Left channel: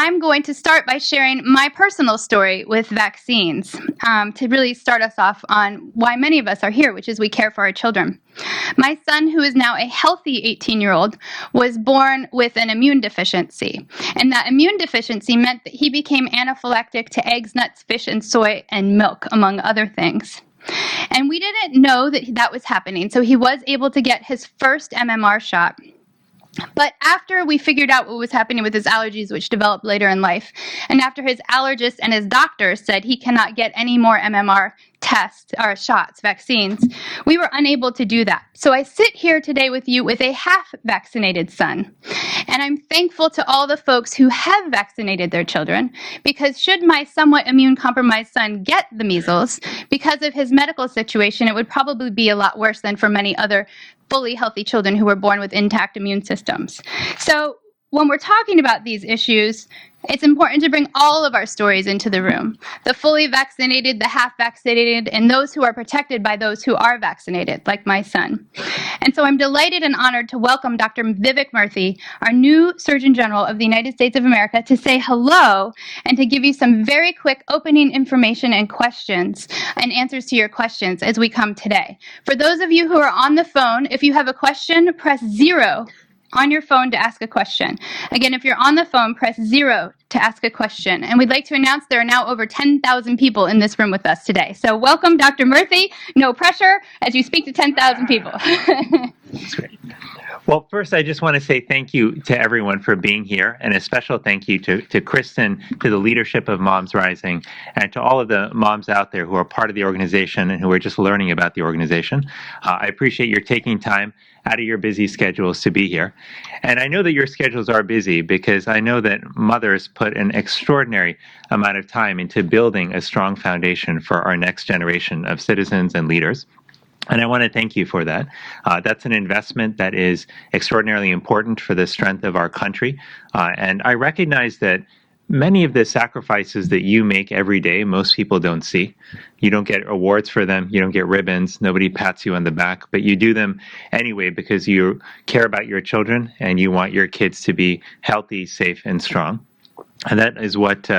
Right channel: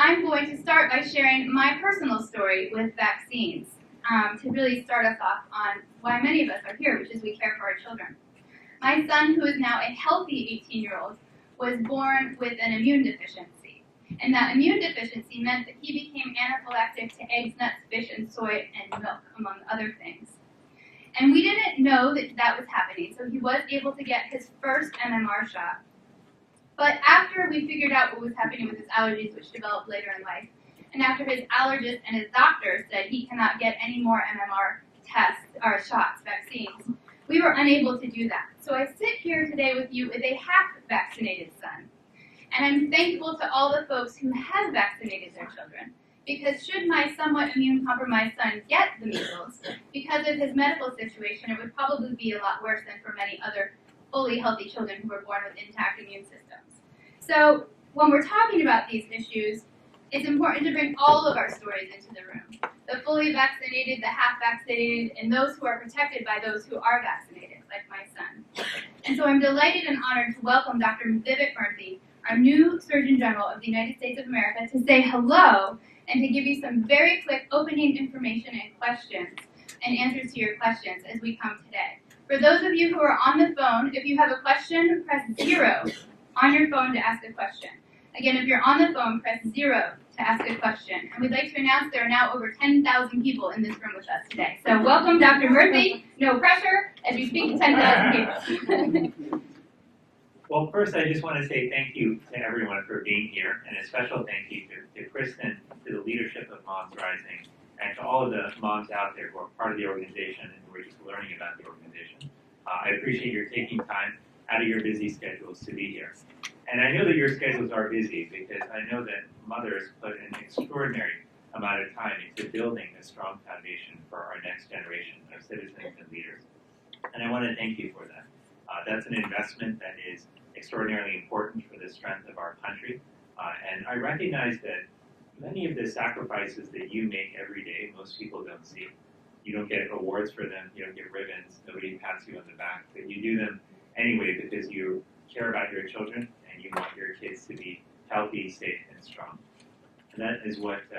I'm going to start by sharing my personal story with vaccines to really start us off on why many of us are here, which is we care for our children. My son, who is now a healthy 18-year-old, was born with an immune deficiency. And that immune deficiency meant that he became anaphylactic to eggs, nuts, fish, and soy, and milk, among other things. And we didn't know that that was happening, so he was able to get his first MMR shot. But after we figured out what was happening with his allergies, which developed later in life, and after his allergist and his doctor said he cannot get any more MMR tests or shots, vaccines, we were unable to do that. So I sit here today with you with a half-vaccinated son. And I'm thankful to all the folks who have vaccinated their children, because should my somewhat immune-compromised son get the measles, because of his medical situation, it would probably be a lot worse than for many other fully healthy children who were born with intact immune systems. So when we're talking about these issues, it's important to bring all of our stories into the room. The fully vaccinated, the half-vaccinated, and those who are protected by those who are vaccinated, like my son. And so I'm delighted and honored to welcome Dr. Vivek Murthy, our new Surgeon General of the United States of America, to say hello and to give you some very quick opening information and questions and answers to your questions as we come today. For those of you who are on the phone, if you have a question, press 0 on your phone to ask a question. Again, if you're on the phone, press 0 to ask a question. And we'd like to announce there are now over 10,000 people in this room with us today. So welcome, Dr. Murthy. No pressure as you speak to 10,000 people. That's great. Well, first, I just want to say thank you to everyone for being here, and a special thank you to Kristen, to the leadership of Moms Rising, and to all of the moms out there who are part of the organization and who are just learning about the organization. I appreciate your taking time out of your busy schedules to be here. And I know that your schedules are busy because I know that mothers put an extraordinary amount of time into building a strong foundation for our next generation of citizens and leaders. And I want to thank you for that. That's an investment that is extraordinarily important for the strength of our country. And I recognize that many of the sacrifices that you make every day, most people don't see. You don't get awards for them. You don't get ribbons. Nobody pats you on the back. But you do them anyway because you care about your children and you want your kids to be healthy, safe, and strong. And that is what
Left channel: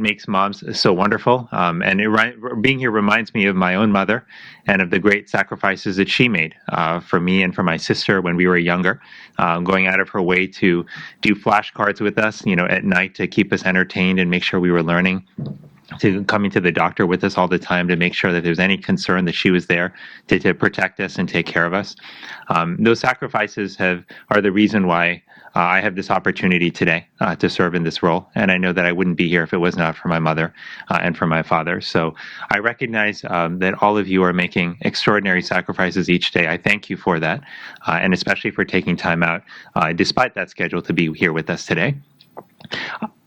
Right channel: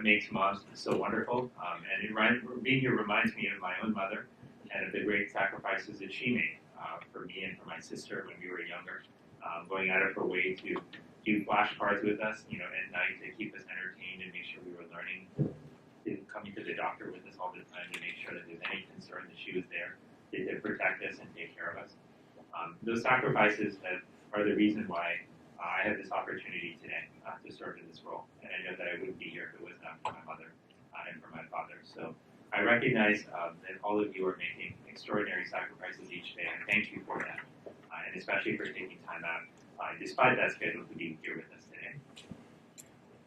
makes moms so wonderful. Being here reminds me of my own mother and of the great sacrifices that she made for me and for my sister when we were younger, going out of her way to do flashcards with us, at night to keep us entertained and make sure we were learning, to coming to the doctor with us all the time to make sure that there's any concern that she was there to protect us and take care of us. Those sacrifices are the reason why I have this opportunity today to serve in this role, and I know that I wouldn't be here if it was not for my mother and for my father. So I recognize that all of you are making extraordinary sacrifices each day. I thank you for that, and especially for taking time out, despite that schedule, to be here with us today.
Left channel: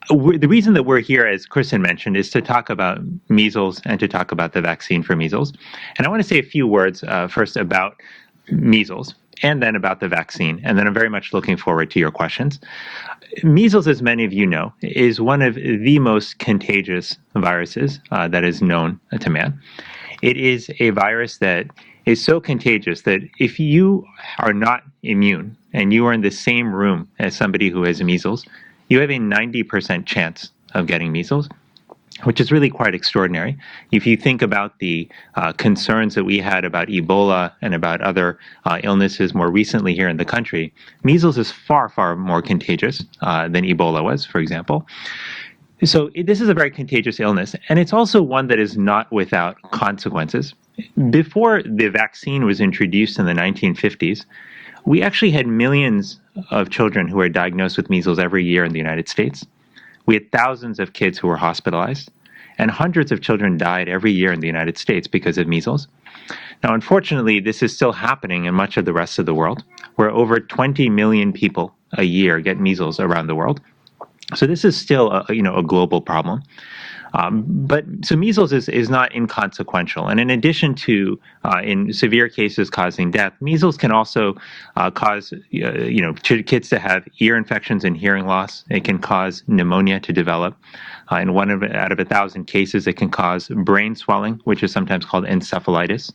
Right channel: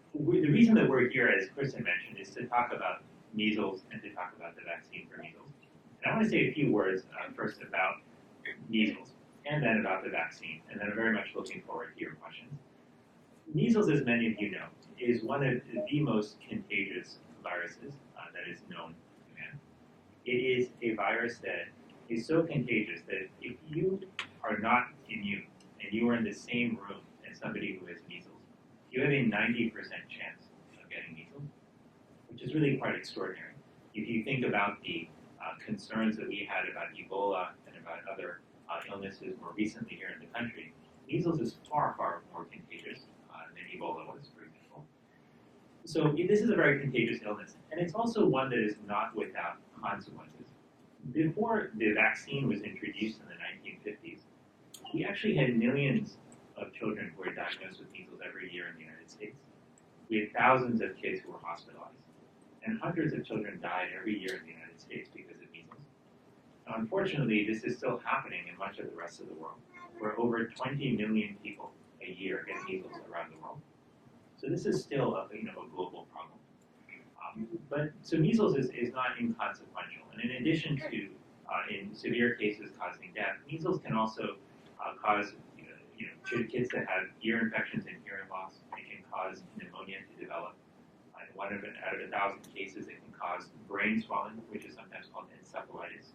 The reason that we're here, as Kristen mentioned, is to talk about measles and to talk about the vaccine for measles. And I want to say a few words first about measles, and then about the vaccine, and then I'm very much looking forward to your questions. Measles, as many of you know, is one of the most contagious viruses that is known to man. It is a virus that is so contagious that if you are not immune and you are in the same room as somebody who has measles, you have a 90% chance of getting measles, which is really quite extraordinary. If you think about the concerns that we had about Ebola and about other illnesses more recently here in the country, measles is far, far more contagious than Ebola was, for example. So this is a very contagious illness, and it's also one that is not without consequences. Before the vaccine was introduced in the 1950s, we actually had millions of children who were diagnosed with measles every year in the United States. We had thousands of kids who were hospitalized, and hundreds of children died every year in the United States because of measles. Now, unfortunately, this is still happening in much of the rest of the world, where over 20 million people a year get measles around the world. So this is still a global problem. So measles is not inconsequential. And in addition to, in severe cases, causing death, measles can also cause, kids to have ear infections and hearing loss. It can cause pneumonia to develop. In out of 1,000 cases, it can cause brain swelling, which is sometimes called encephalitis.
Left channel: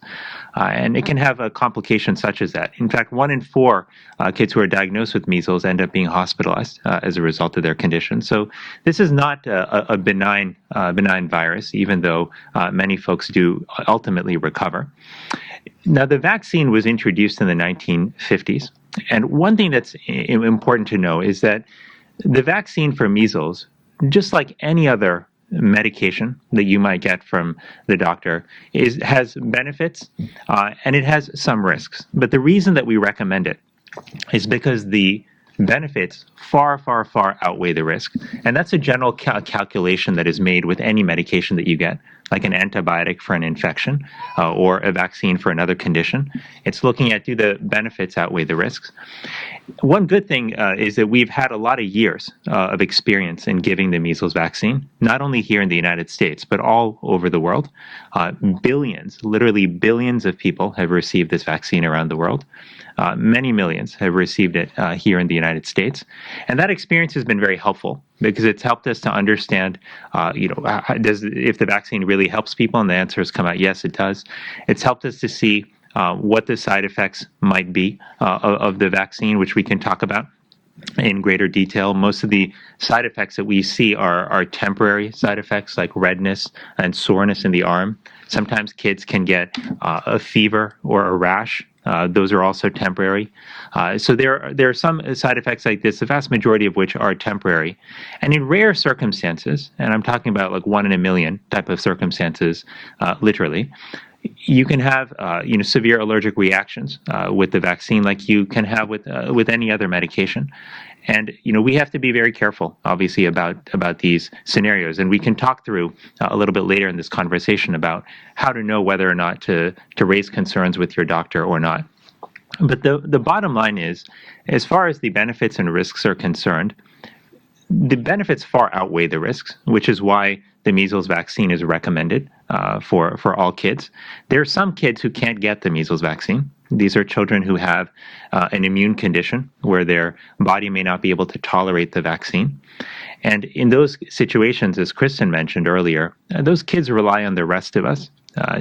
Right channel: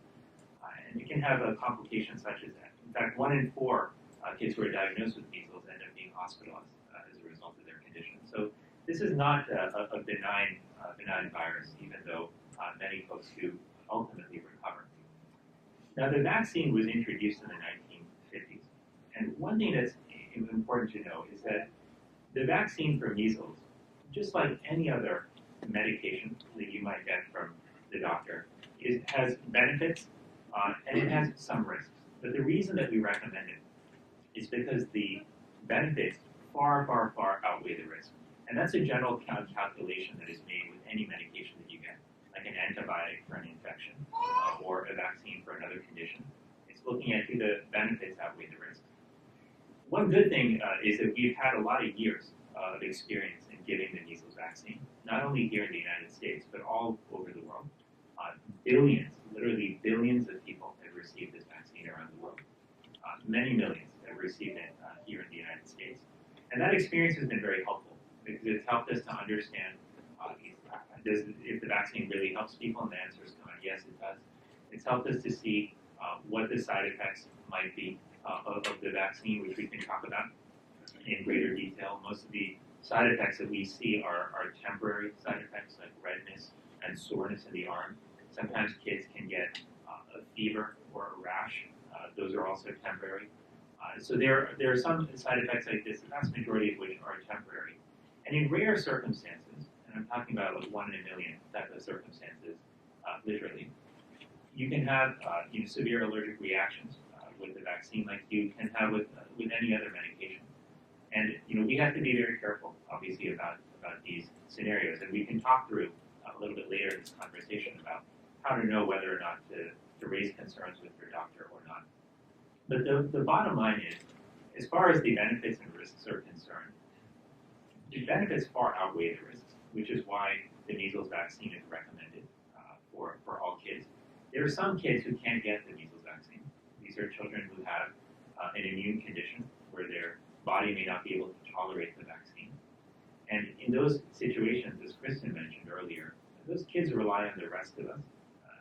And it can have a complication such as that. In fact, 1 in 4 kids who are diagnosed with measles end up being hospitalized as a result of their condition. So this is not a benign virus, even though many folks do ultimately recover. Now, the vaccine was introduced in the 1950s. And one thing that's important to know is that the vaccine for measles, just like any other medication that you might get from the doctor, has benefits and it has some risks. But the reason that we recommend it is because the benefits far, far, far outweigh the risk. And that's a general calculation that is made with any medication that you get, like an antibiotic for an infection or a vaccine for another condition. It's looking at, do the benefits outweigh the risks? One good thing is that we've had a lot of years of experience in giving the measles vaccine, not only here in the United States, but all over the world. Billions, literally billions of people have received this vaccine around the world. Many millions have received it here in the United States. And that experience has been very helpful because it's helped us to understand, if the vaccine really helps people, and the answer has come out, yes, it does. It's helped us to see what the side effects might be of the vaccine, which we can talk about in greater detail. Most of the side effects that we see are temporary side effects like redness and soreness in the arm. Sometimes kids can get a fever or a rash. Those are also temporary. So there are some side effects like this, the vast majority of which are temporary. And in rare circumstances, and I'm talking about like 1 in a million type of circumstances, literally, you can have severe allergic reactions with the vaccine, like you can have with any other medication. And we have to be very careful, obviously, about these scenarios. And we can talk through a little bit later in this conversation about how to know whether or not to raise concerns with your doctor or not. But the bottom line is, as far as the benefits and risks are concerned, the benefits far outweigh the risks, which is why the measles vaccine is recommended for all kids. There are some kids who can't get the measles vaccine. These are children who have an immune condition where their body may not be able to tolerate the vaccine. And in those situations, as Kristen mentioned earlier, those kids rely on the rest of us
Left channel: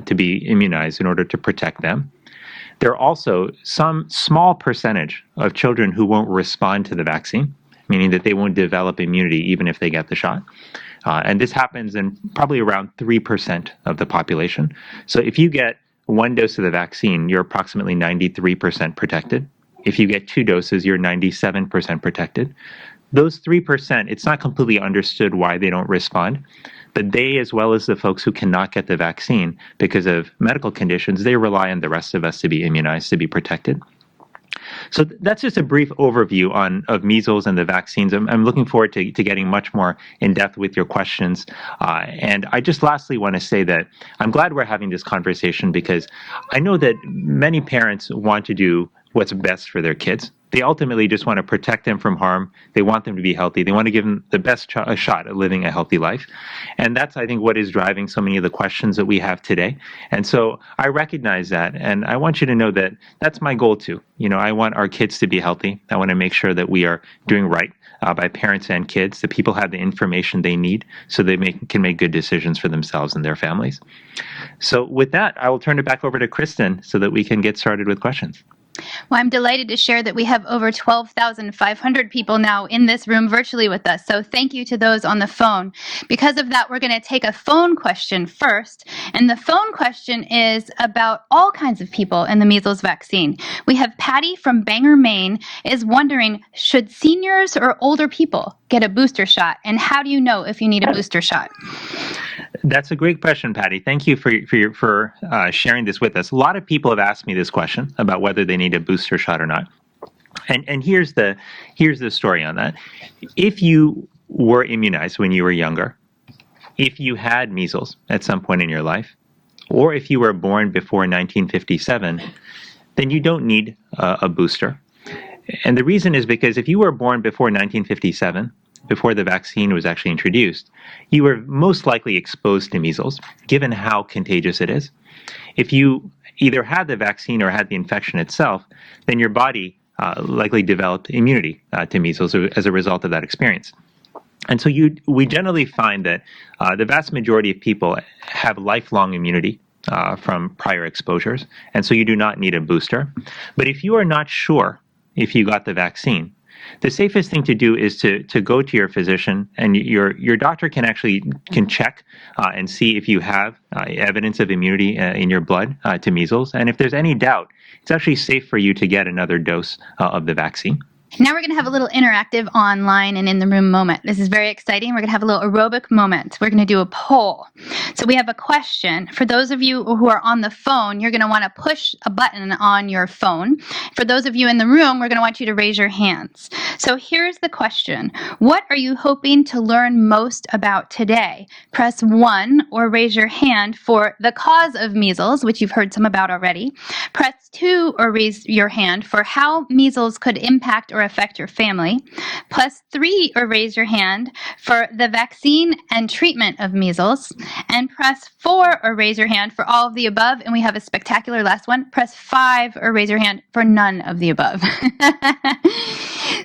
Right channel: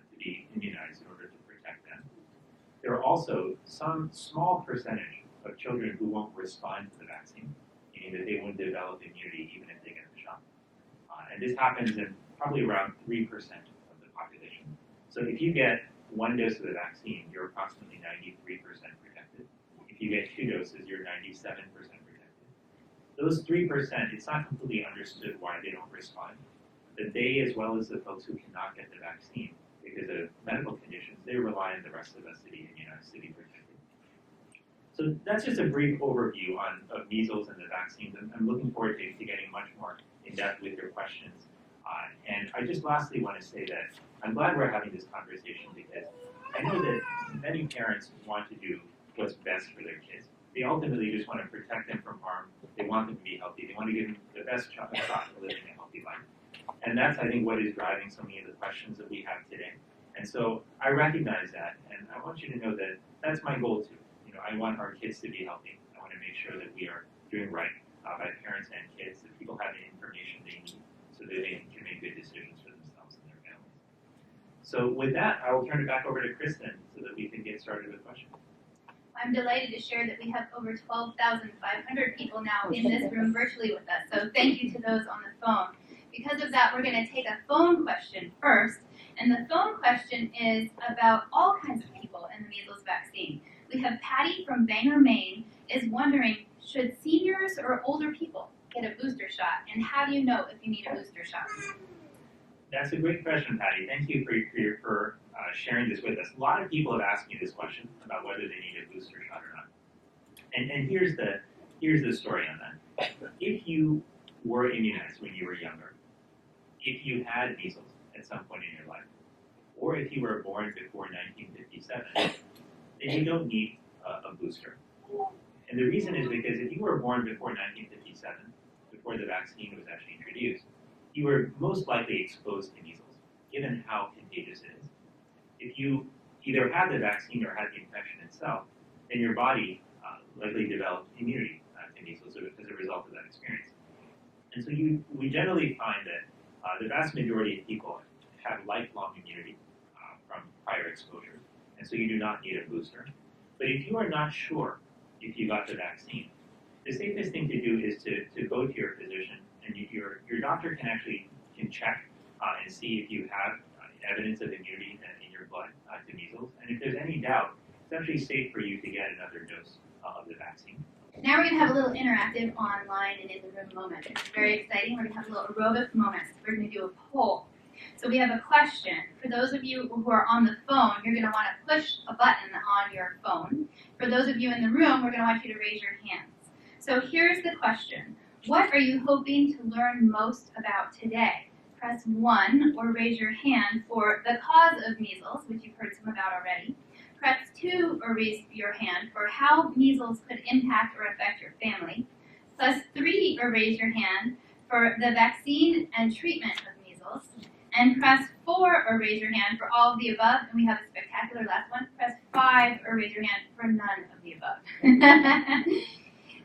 to be immunized in order to protect them. There are also some small percentage of children who won't respond to the vaccine, meaning that they won't develop immunity even if they get the shot. And this happens in probably around 3% of the population. So if you get 1 dose of the vaccine, you're approximately 93% protected. If you get 2 doses, you're 97% protected. Those 3%, it's not completely understood why they don't respond, but they, as well as the folks who cannot get the vaccine because of medical conditions, they rely on the rest of us to be immunized, to be protected. So that's just a brief overview of measles and the vaccines. I'm looking forward to getting much more in depth with your questions. And I just lastly want to say that I'm glad we're having this conversation because I know that many parents want to do what's best for their kids. They ultimately just want to protect them from harm. They want them to be healthy. They want to give them the best shot at living a healthy life. And that's, I think, what is driving so many of the questions that we have today. And so I recognize that. And I want you to know that that's my goal too. I want our kids to be healthy. I want to make sure that we are doing right by parents and kids, that people have the information they need so they can make good decisions for themselves and their families. So with that, I will turn it back over to Kristen so that we can get started with questions. Well, I'm delighted to share that we have over 12,500 people now in this room virtually with us. So thank you to those on the phone. Because of that, we're going to take a phone question first. And the phone question is about all kinds of people in the measles vaccine. We have Patty from Bangor, Maine, is wondering, should seniors or older people get a booster shot? And how do you know if you need a booster shot? That's a great question, Patty. Thank you for sharing this with us. A lot of people have asked me this question about whether they need a booster shot or not. And here's the story on that. If you were immunized when you were younger, if you had measles at some point in your life, or if you were born before 1957, then you don't need a booster. And the reason is because if you were born before 1957, before the vaccine was actually introduced, you were most likely exposed to measles, given how contagious it is. If you either had the vaccine or had the infection itself, then your body likely developed immunity to measles as a result of that experience. And so we generally find that the vast majority of people have lifelong immunity from prior exposures, and so you do not need a booster. But if you are not sure if you got the vaccine, the safest thing to do is to go to your physician, and your doctor can check and see if you have evidence of immunity in your blood to measles. And if there's any doubt, it's actually safe for you to get another dose of the vaccine. Now we're going to have a little interactive online and in the room moment. This is very exciting. We're going to have a little aerobic moment. We're going to do a poll. So we have a question. For those of you who are on the phone, you're going to want to push a button on your phone. For those of you in the room, we're going to want you to raise your hands. So here's the question. What are you hoping to learn most about today? Press 1 or raise your hand for the cause of measles, which you've heard some about already. Press 2 or raise your hand for how measles could impact or affect your family. Press 3 or raise your hand for the vaccine and treatment of measles. And press 4 or raise your hand for all of the above. And we have a spectacular last one. Press 5 or raise your hand for none of the above.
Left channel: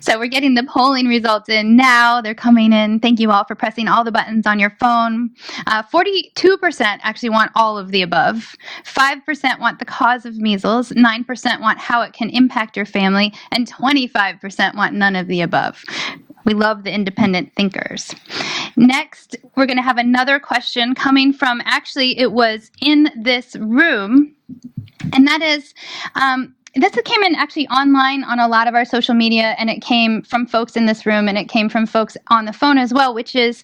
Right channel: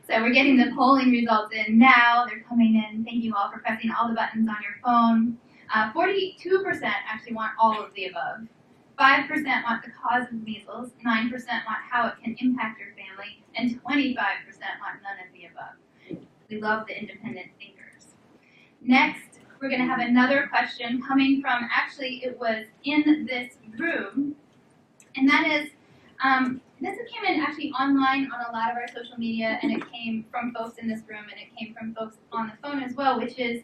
So we're getting the polling results in now. They're coming in. Thank you all for pressing all the buttons on your phone. 42% actually want all of the above. 5% want the cause of measles. 9% want how it can impact your family. And 25% want none of the above. We love the independent thinkers. Next, we're going to have another question coming from, actually, it was in this room. And that is, this came in actually online on a lot of our social media, and it came from folks in this room, and it came from folks on the phone as well, which is,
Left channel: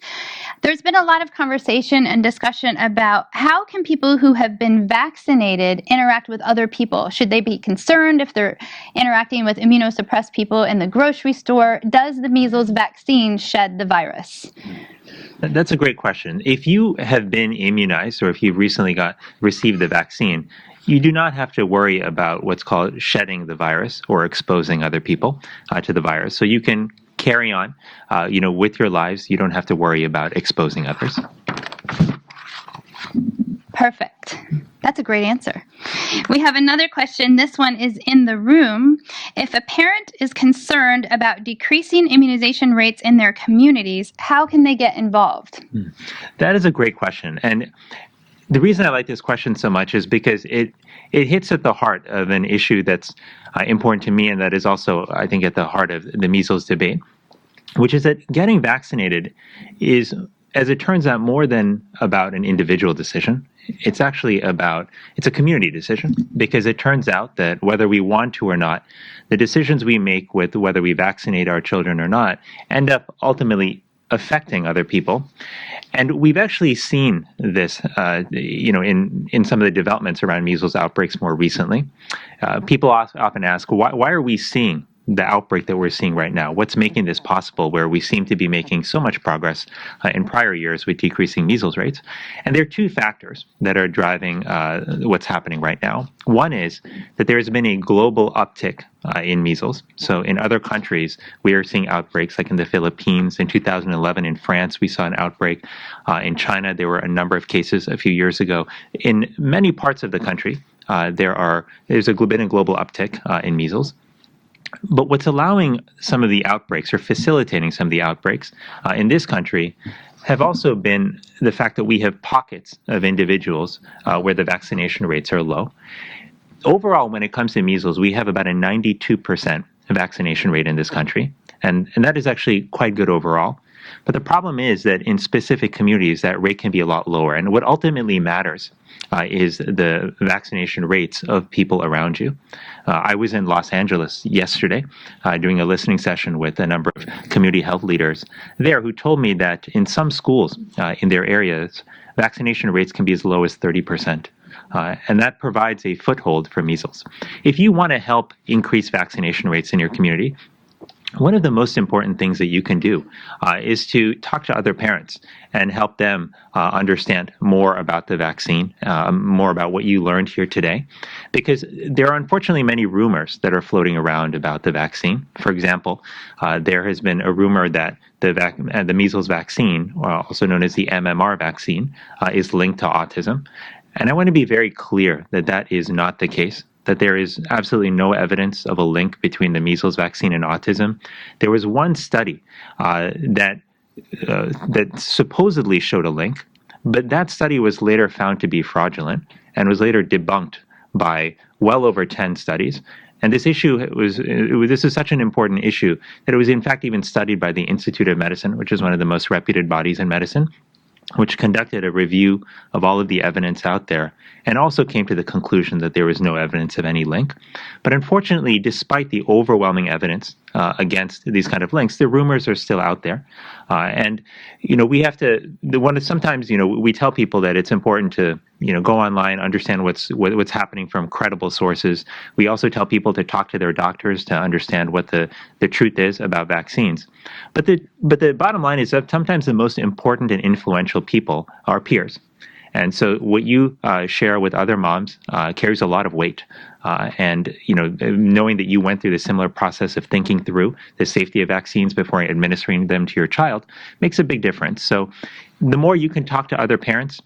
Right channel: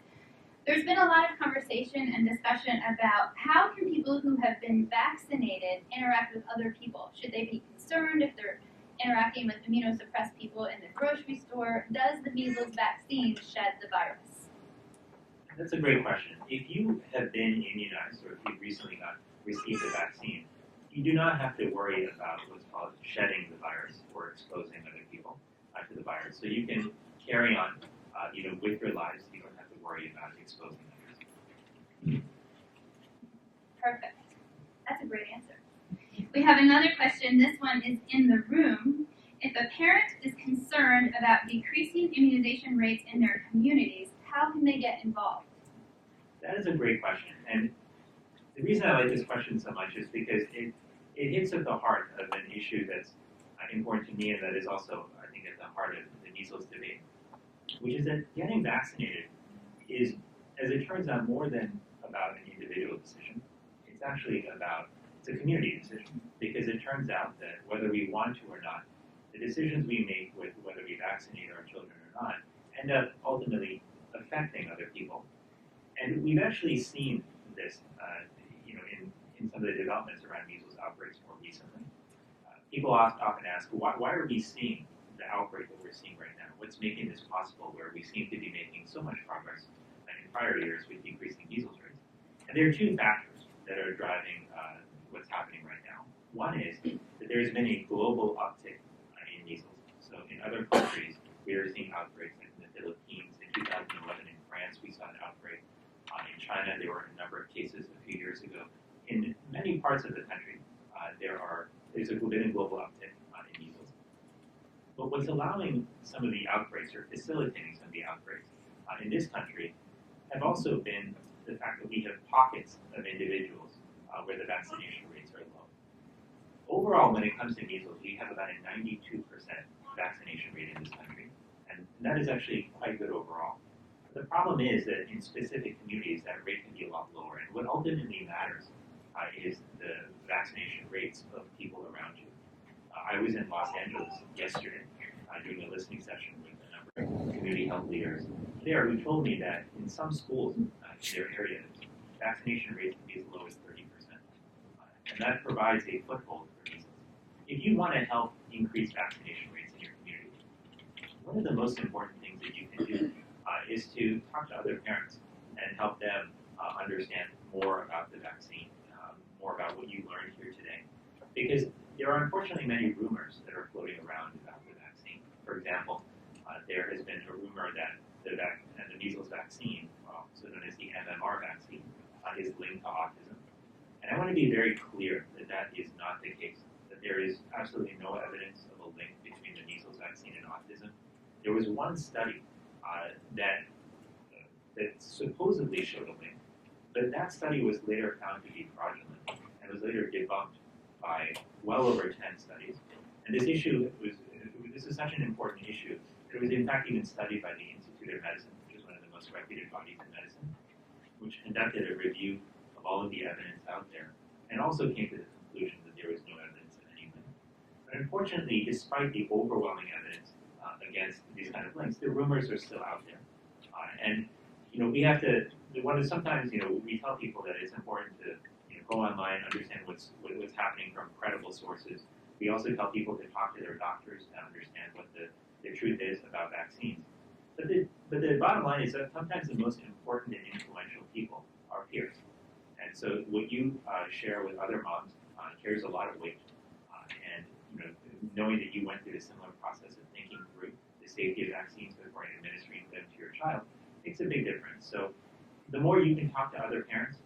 there's been a lot of conversation and discussion about how can people who have been vaccinated interact with other people? Should they be concerned if they're interacting with immunosuppressed people in the grocery store? Does the measles vaccine shed the virus? That's a great question. If you have been immunized or if you've recently received the vaccine, you do not have to worry about what's called shedding the virus or exposing other people to the virus. So you can carry on, with your lives. You don't have to worry about exposing others. Perfect. That's a great answer. We have another question. This one is in the room. If a parent is concerned about decreasing immunization rates in their communities, how can they get involved? That is a great question. And the reason I like this question so much is because it hits at the heart of an issue that's important to me, and that is also, I think, at the heart of the measles debate, which is that getting vaccinated is, as it turns out, more than about an individual decision. It's actually it's a community decision, because it turns out that whether we want to or not, the decisions we make with whether we vaccinate our children or not end up ultimately affecting other people. And we've actually seen this, in some of the developments around measles outbreaks more recently. People often ask, why are we seeing the outbreak that we're seeing right now? What's making this possible, where we seem to be making so much progress in prior years with decreasing measles rates? And there are two factors that are driving what's happening right now. One is that there has been a global uptick in measles. So in other countries, we are seeing outbreaks, like in the Philippines. In 2011, in France, we saw an outbreak. In China, there were a number of cases a few years ago. In many parts of the country, there's been a global uptick in measles. But what's allowing some of the outbreaks, or facilitating some of the outbreaks in this country, have also been the fact that we have pockets of individuals where the vaccination rates are low. Overall, when it comes to measles, we have about a 92% vaccination rate in this country, and that is actually quite good overall. But the problem is that in specific communities, that rate can be a lot lower. And what ultimately matters is the vaccination rates of people around you. I was in Los Angeles yesterday doing a listening session with a number of community health leaders there, who told me that in some schools in their areas, vaccination rates can be as low as 30%. And that provides a foothold for measles. If you want to help increase vaccination rates in your community, one of the most important things that you can do is to talk to other parents and help them understand more about the vaccine, more about what you learned here today. Because there are unfortunately many rumors that are floating around about the vaccine. For example, there has been a rumor that the measles vaccine, also known as the MMR vaccine, is linked to autism. And I want to be very clear that that is not the case, that there is absolutely no evidence of a link between the measles vaccine and autism. There was one study that that supposedly showed a link, but that study was later found to be fraudulent and was later debunked by well over 10 studies. And this issue this is such an important issue that it was in fact even studied by the Institute of Medicine, which is one of the most reputed bodies in medicine, which conducted a review of all of the evidence out there and also came to the conclusion that there was no evidence of any link. But unfortunately, despite the overwhelming evidence against these kind of links, the rumors are still out there. And we have to. Sometimes we tell people that it's important to go online, understand what's happening from credible sources. We also tell people to talk to their doctors to understand what the truth is about vaccines. But the bottom line is that sometimes the most important and influential people are peers. And so what you share with other moms carries a lot of weight. And knowing that you went through the similar process of thinking through the safety of vaccines before administering them to your child makes a big difference. So the more you can talk to other parents,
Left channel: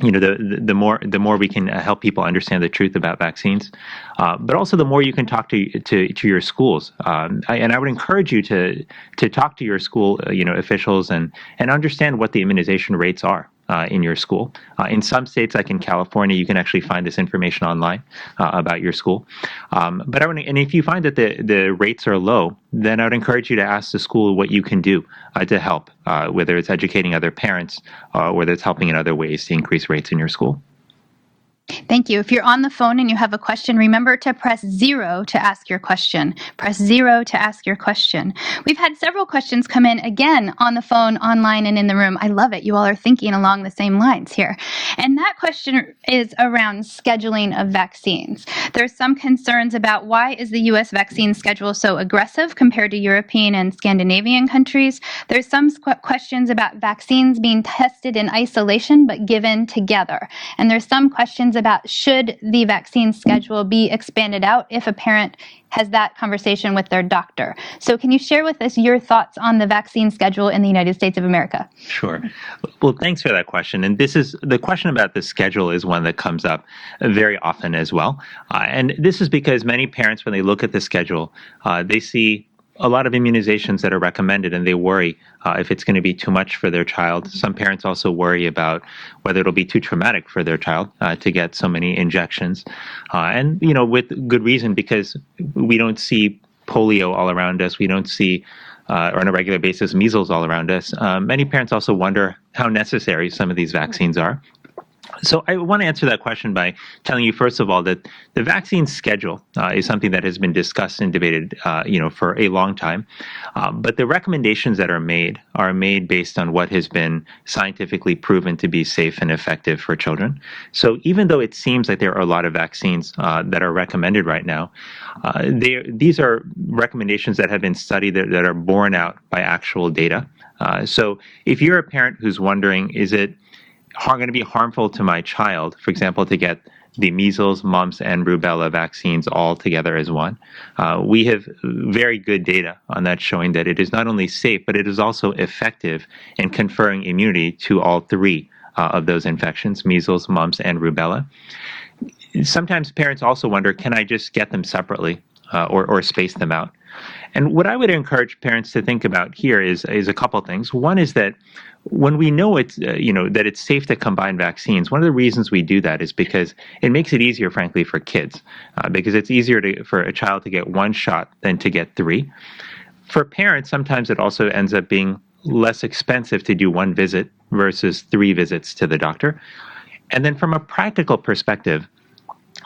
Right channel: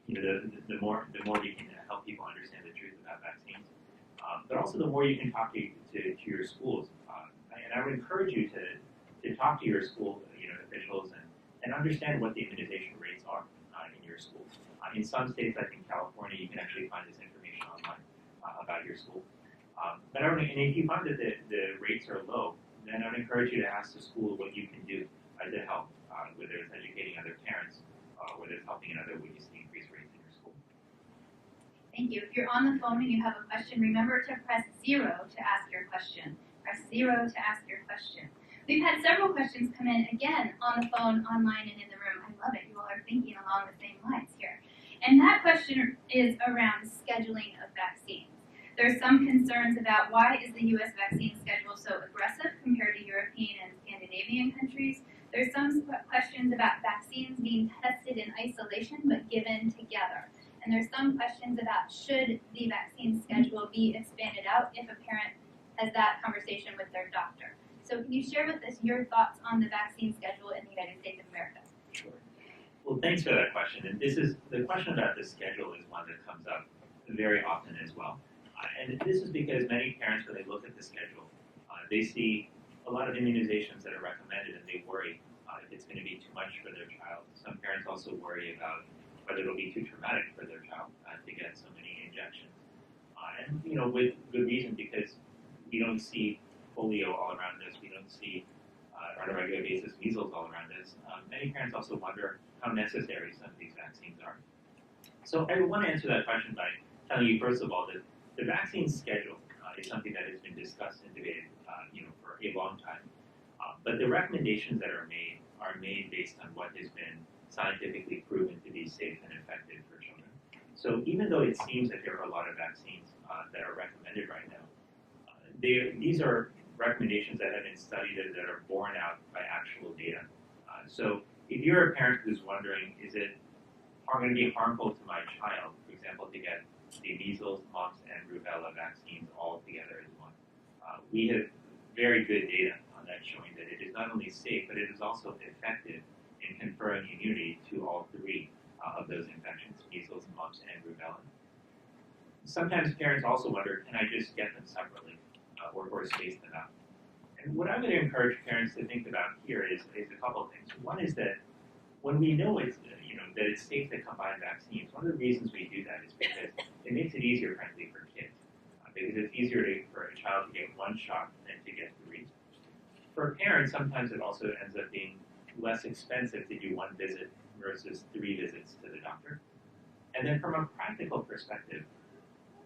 the more we can help people understand the truth about vaccines, but also the more you can talk to your schools. And I would encourage you to talk to your school officials and understand what the immunization rates are in your school. In some states, like in California, you can actually find this information online about your school. And if you find that the rates are low, then I would encourage you to ask the school what you can do to help, whether it's educating other parents or whether it's helping in other ways to increase rates in your school. Thank you. If you're on the phone and you have a question, remember to press 0 to ask your question. Press 0 to ask your question. We've had several questions come in again on the phone, online, and in the room. I love it. You all are thinking along the same lines here. And that question is around scheduling of vaccines. There's some concerns about why is the U.S. vaccine schedule so aggressive compared to European and Scandinavian countries. There's some questions about vaccines being tested in isolation but given together. And there's some questions about should the vaccine schedule be expanded out if a parent has that conversation with their doctor. So can you share with us your thoughts on the vaccine schedule in the United States of America? Sure. Well, thanks for that question. And the question about the schedule is one that comes up very often as well. And this is because many parents, when they look at the schedule, they see a lot of immunizations that are recommended, and they worry if it's going to be too much for their child. Some parents also worry about whether it'll be too traumatic for their child to get so many injections. And with good reason, because we don't see polio all around us. We don't see or on a regular basis, measles all around us. Many parents also wonder how necessary some of these vaccines are. So I want to answer that question by telling you, first of all, that the vaccine schedule is something that has been discussed and debated, for a long time. But the recommendations that are made based on what has been scientifically proven to be safe and effective for children. So even though it seems like there are a lot of vaccines that are recommended right now, these are recommendations that have been studied that are borne out by actual data. So if you're a parent who's wondering, is it going to be harmful to my child, for example, to get the measles, mumps, and rubella vaccines all together as one. We have very good data on that showing that it is not only safe, but it is also effective in conferring immunity to all three of those infections, measles, mumps, and rubella. Sometimes parents also wonder, can I just get them separately or space them out? And what I would encourage parents to think about here is a couple things. One is that when we know it's that it's safe to combine vaccines, one of the reasons we do that is because it makes it easier, frankly, for kids, because it's easier for a child to get one shot than to get three. For parents, sometimes it also ends up being less expensive to do one visit versus 3 visits to the doctor. And then from a practical perspective,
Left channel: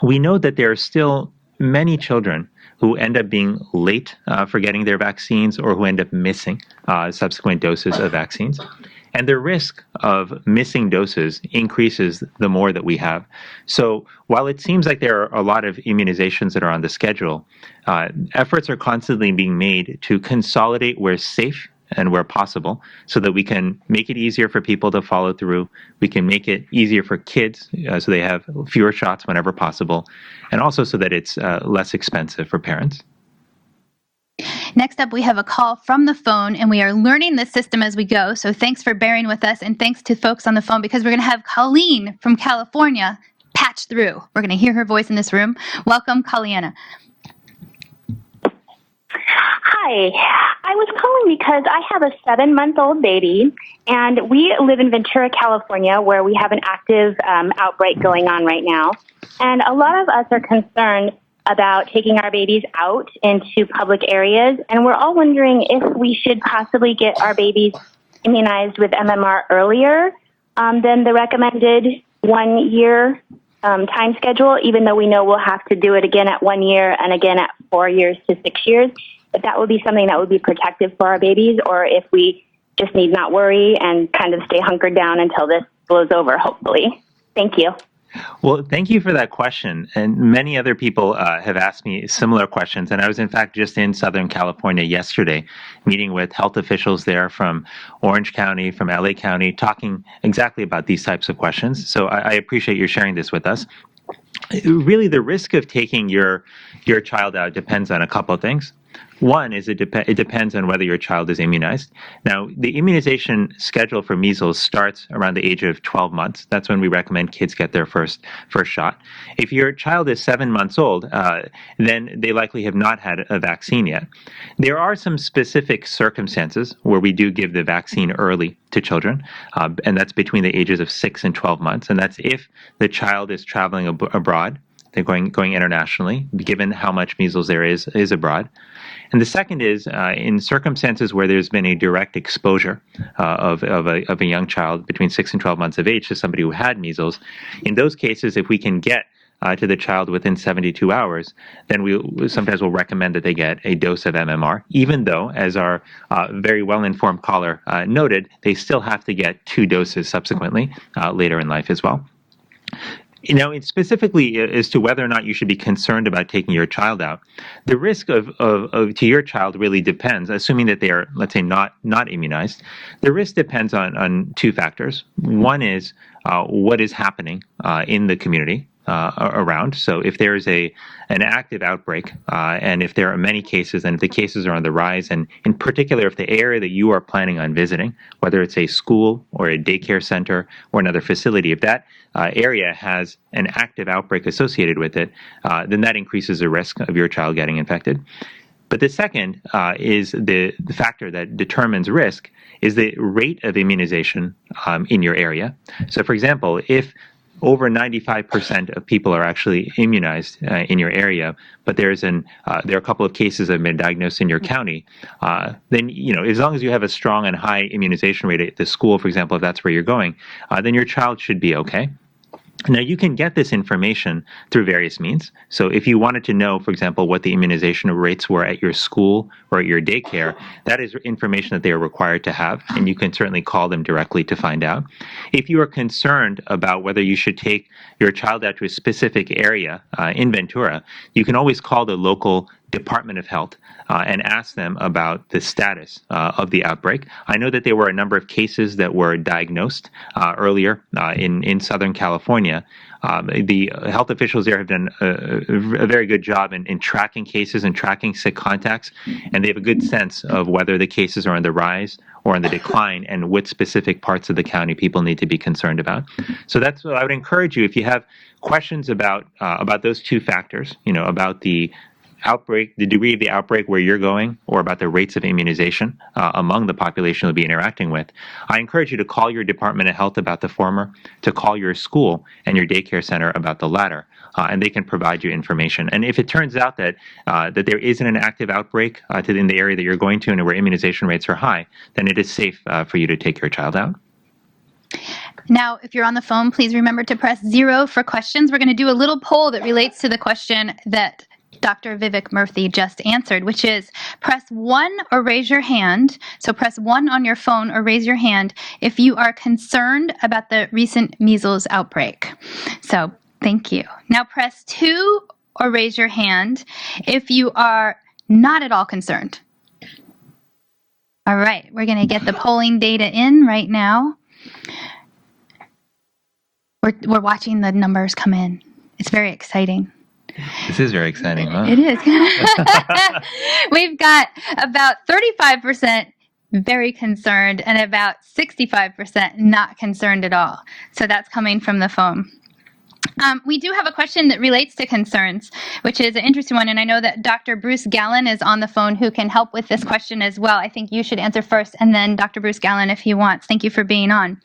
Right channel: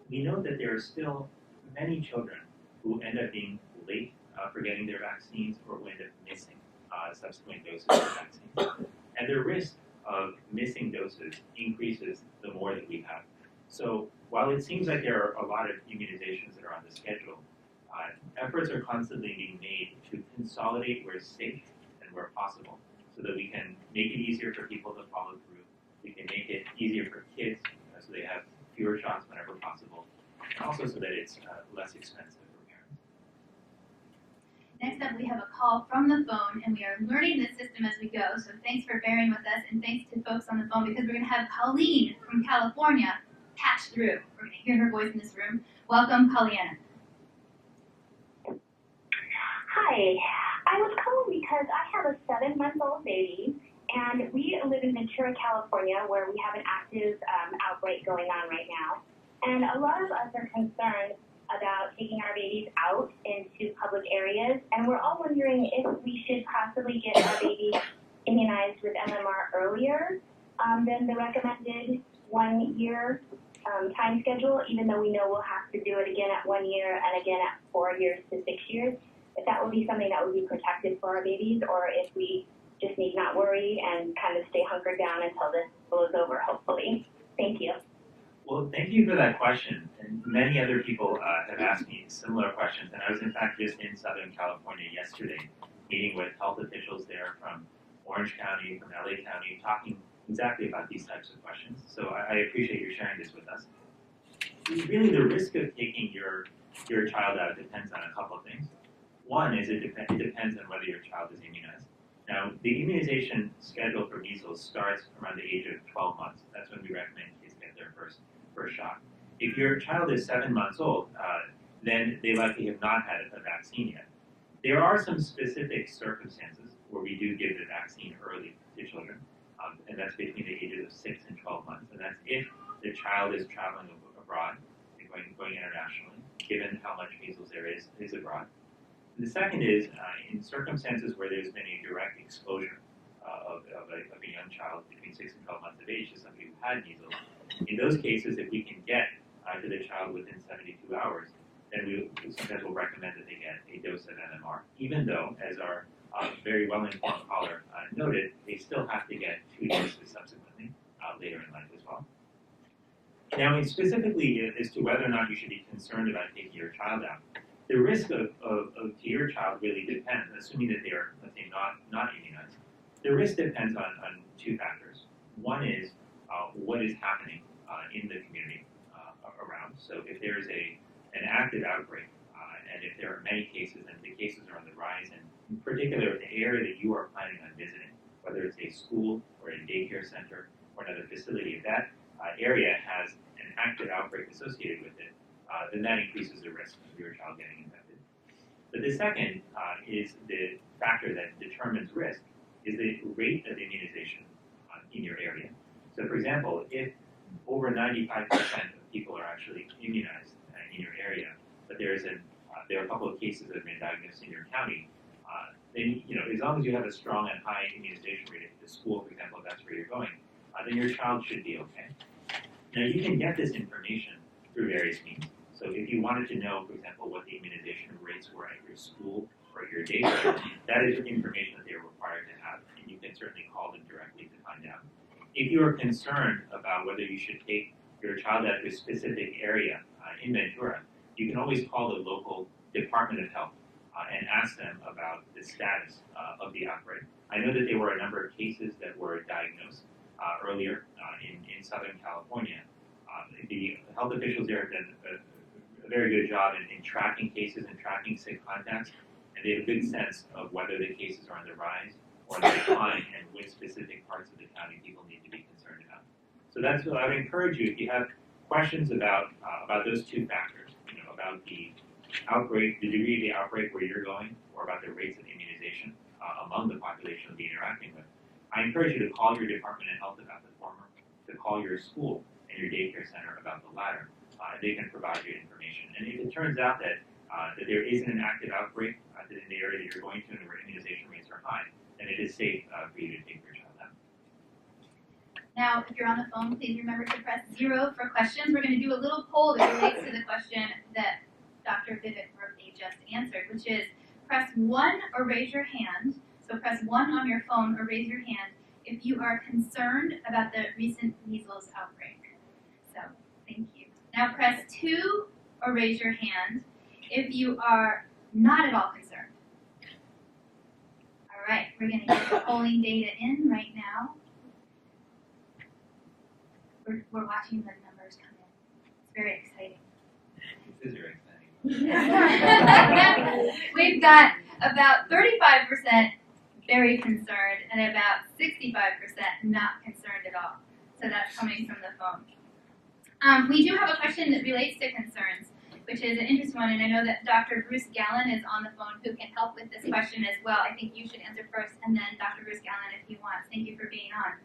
we know that there are still many children who end up being late for getting their vaccines or who end up missing subsequent doses of vaccines. And the risk of missing doses increases the more that we have. So while it seems like there are a lot of immunizations that are on the schedule, efforts are constantly being made to consolidate where safe and where possible so that we can make it easier for people to follow through. We can make it easier for kids so they have fewer shots whenever possible, and also so that it's less expensive for parents. Next up, we have a call from the phone, and we are learning the system as we go. So thanks for bearing with us, and thanks to folks on the phone, because we're going to have Colleen from California patch through. We're going to hear her voice in this room. Welcome, Colleen. Hi, Hi. I was calling because I have a 7-month-old baby, and we live in Ventura, California, where we have an active outbreak going on right now. And a lot of us are concerned about taking our babies out into public areas, and we're all wondering if we should possibly get our babies immunized with MMR earlier than the recommended 1-year time schedule, even though we know we'll have to do it again at 1 year and again at 4 years to 6 years. If that would be something that would be protective for our babies, or if we just need not worry and kind of stay hunkered down until this blows over, hopefully. Thank you. Well, thank you for that question. And many other people have asked me similar questions. And I was, in fact, just in Southern California yesterday, meeting with health officials there from Orange County, from LA County, talking exactly about these types of questions. So I appreciate you sharing this with us. Really, the risk of taking your child out depends on a couple of things. One is it depends on whether your child is immunized. Now, the immunization schedule for measles starts around the age of 12 months. That's when we recommend kids get their first shot. If your child is 7 months old, then they likely have not had a vaccine yet. There are some specific circumstances where we do give the vaccine early to children, and that's between the ages of 6 and 12 months. And that's if the child is traveling abroad, they're going internationally, given how much measles there is abroad. And the second is in circumstances where there's been a direct exposure of a young child between 6 and 12 months of age to somebody who had measles. In those cases, if we can get to the child within 72 hours, then we sometimes will recommend that they get a dose of MMR, even though, as our very well-informed caller noted, they still have to get 2 doses subsequently later in life as well. Now, specifically as to whether or not you should be concerned about taking your child out, the risk of to your child really depends, assuming that they are, let's say, not immunized. The risk depends on 2 factors. One is what is happening in the community around. So if there is an active outbreak, and if there are many cases, and if the cases are on the rise, and in particular if the area that you are planning on visiting, whether it's a school or a daycare center or another facility, if that area has an active outbreak associated with it, then that increases the risk of your child getting infected. But the second is the factor that determines risk is the rate of immunization in your area. So, for example, if over 95% of people are actually immunized in your area, but there are a couple of cases that have been diagnosed in your county, then, as long as you have a strong and high immunization rate at the school, for example, if that's where you're going, then your child should be okay. Now, you can get this information through various means. So if you wanted to know, for example, what the immunization rates were at your school or at your daycare, that is information that they are required to have, and you can certainly call them directly to find out. If you are concerned about whether you should take your child out to a specific area in Ventura, you can always call the local Department of Health and ask them about the status of the outbreak. I know that there were a number of cases that were diagnosed earlier in Southern California. The health officials there have done a very good job in tracking cases and tracking sick contacts, and they have a good sense of whether the cases are on the rise or on the decline and which specific parts of the county people need to be concerned about. So that's what I would encourage you, if you have questions about those 2 factors, about the outbreak, the degree of the outbreak where you're going, or about the rates of immunization among the population you'll be interacting with, I encourage you to call your Department of Health about the former, to call your school and your daycare center about the latter, and they can provide you information. And if it turns out that there isn't an active outbreak in the area that you're going to and where immunization rates are high, then it is safe for you to take your child out. Now, if you're on the phone, please remember to press 0 for questions. We're going to do a little poll that relates to the question that Dr. Vivek Murthy just answered, which is press 1 or raise your hand. So press 1 on your phone or raise your hand if you are concerned about the recent measles outbreak. So thank you. Now press 2 or raise your hand if you are not at all concerned. All right, we're going to get the polling data in right now. We're watching the numbers come in. It's very exciting. This is very exciting, huh? It is. We've got about 35% very concerned and about 65% not concerned at all. So that's coming from the phone. We do have a question that relates to concerns, which is an interesting one, and I know that Dr. Bruce Gallen is on the phone who can help with this question as well. I think you should answer first, and then Dr. Bruce Gallen if he wants. Thank you for being on.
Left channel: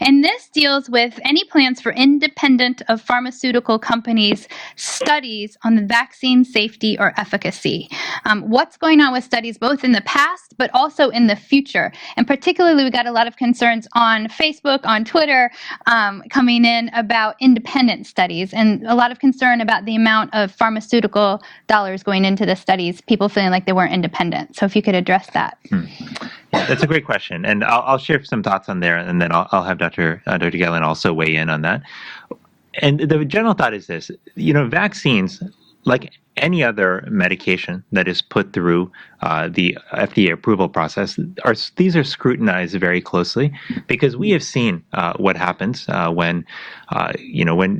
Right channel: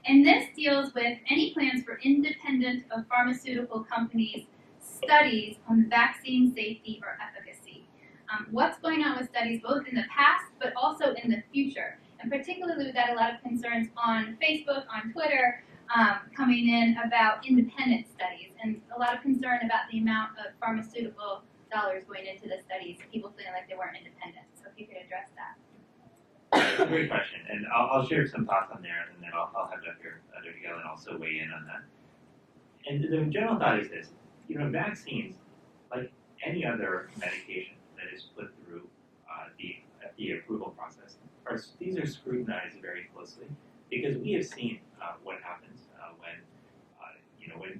And this deals with any plans for independent of pharmaceutical companies' studies on the vaccine safety or efficacy. What's going on with studies both in the past but also in the future? And particularly, we got a lot of concerns on Facebook, on Twitter, coming in about independent studies, and a lot of concern about the amount of pharmaceutical dollars going into the studies, people feeling like they weren't independent. So if you could address that. That's a great question, and I'll share some thoughts on there, and then I'll have Dr. Gallen also weigh in on that. And the general thought is this: vaccines, like any other medication that is put through the FDA approval process, these are scrutinized very closely, because we have seen what happens when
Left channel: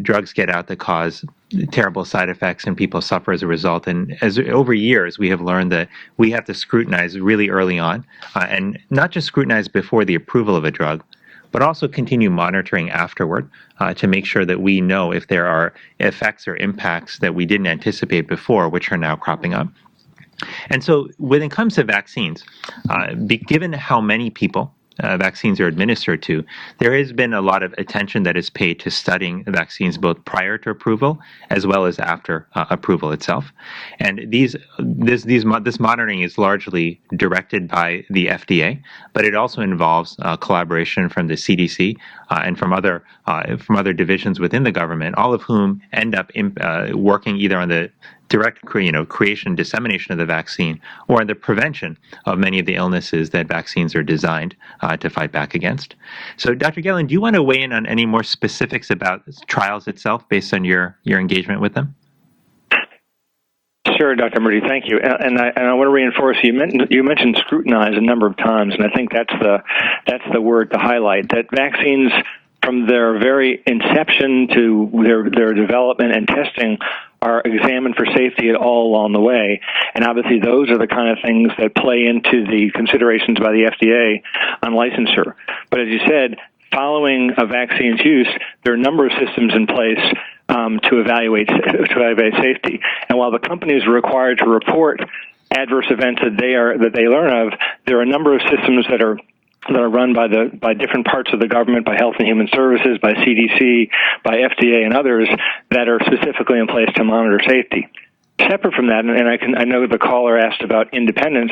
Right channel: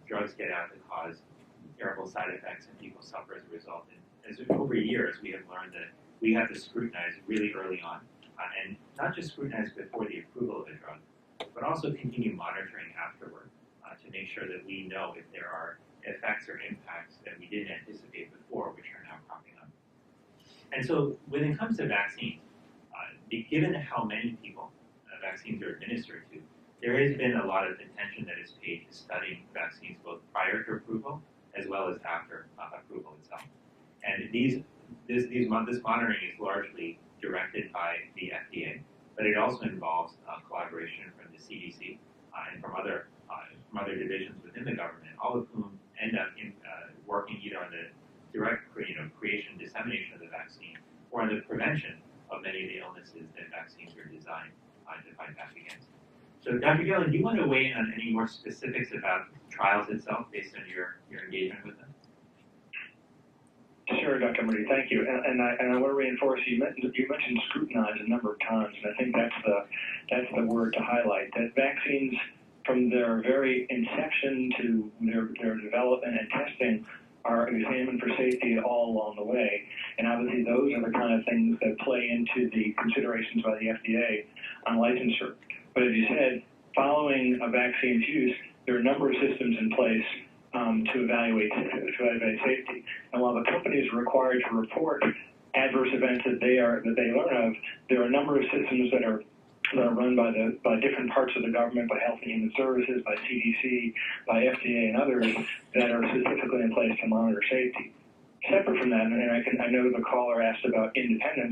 drugs get out that cause terrible side effects and people suffer as a result. And over years, we have learned that we have to scrutinize really early on, and not just scrutinize before the approval of a drug, but also continue monitoring afterward to make sure that we know if there are effects or impacts that we didn't anticipate before, which are now cropping up. And so when it comes to vaccines, given how many people vaccines are administered to, there has been a lot of attention that is paid to studying vaccines both prior to approval as well as after approval itself. And this monitoring is largely directed by the FDA, but it also involves collaboration from the CDC and from other divisions within the government, all of whom end up working either on the direct creation, dissemination of the vaccine, or on the prevention of many of the illnesses that vaccines are designed to fight back against. So, Dr. Gallen, do you want to weigh in on any more specifics about trials itself based on your engagement with them? Sure, Dr. Murdy, thank you. And I want to reinforce, you mentioned scrutinize a number of times, and I think that's the word to highlight, that vaccines, from their very inception to their development and testing, are examined for safety all along the way. And obviously those are the kind of things that play into the considerations by the FDA on licensure. But as you said, following a vaccine's use, there are a number of systems in place to evaluate safety. And while the companies are required to report adverse events that they learn of, there are a number of systems that are run by different parts of the government, by Health and Human Services, by CDC, by FDA, and others that are specifically in place to monitor safety. Separate from that, and I know the caller asked about independence.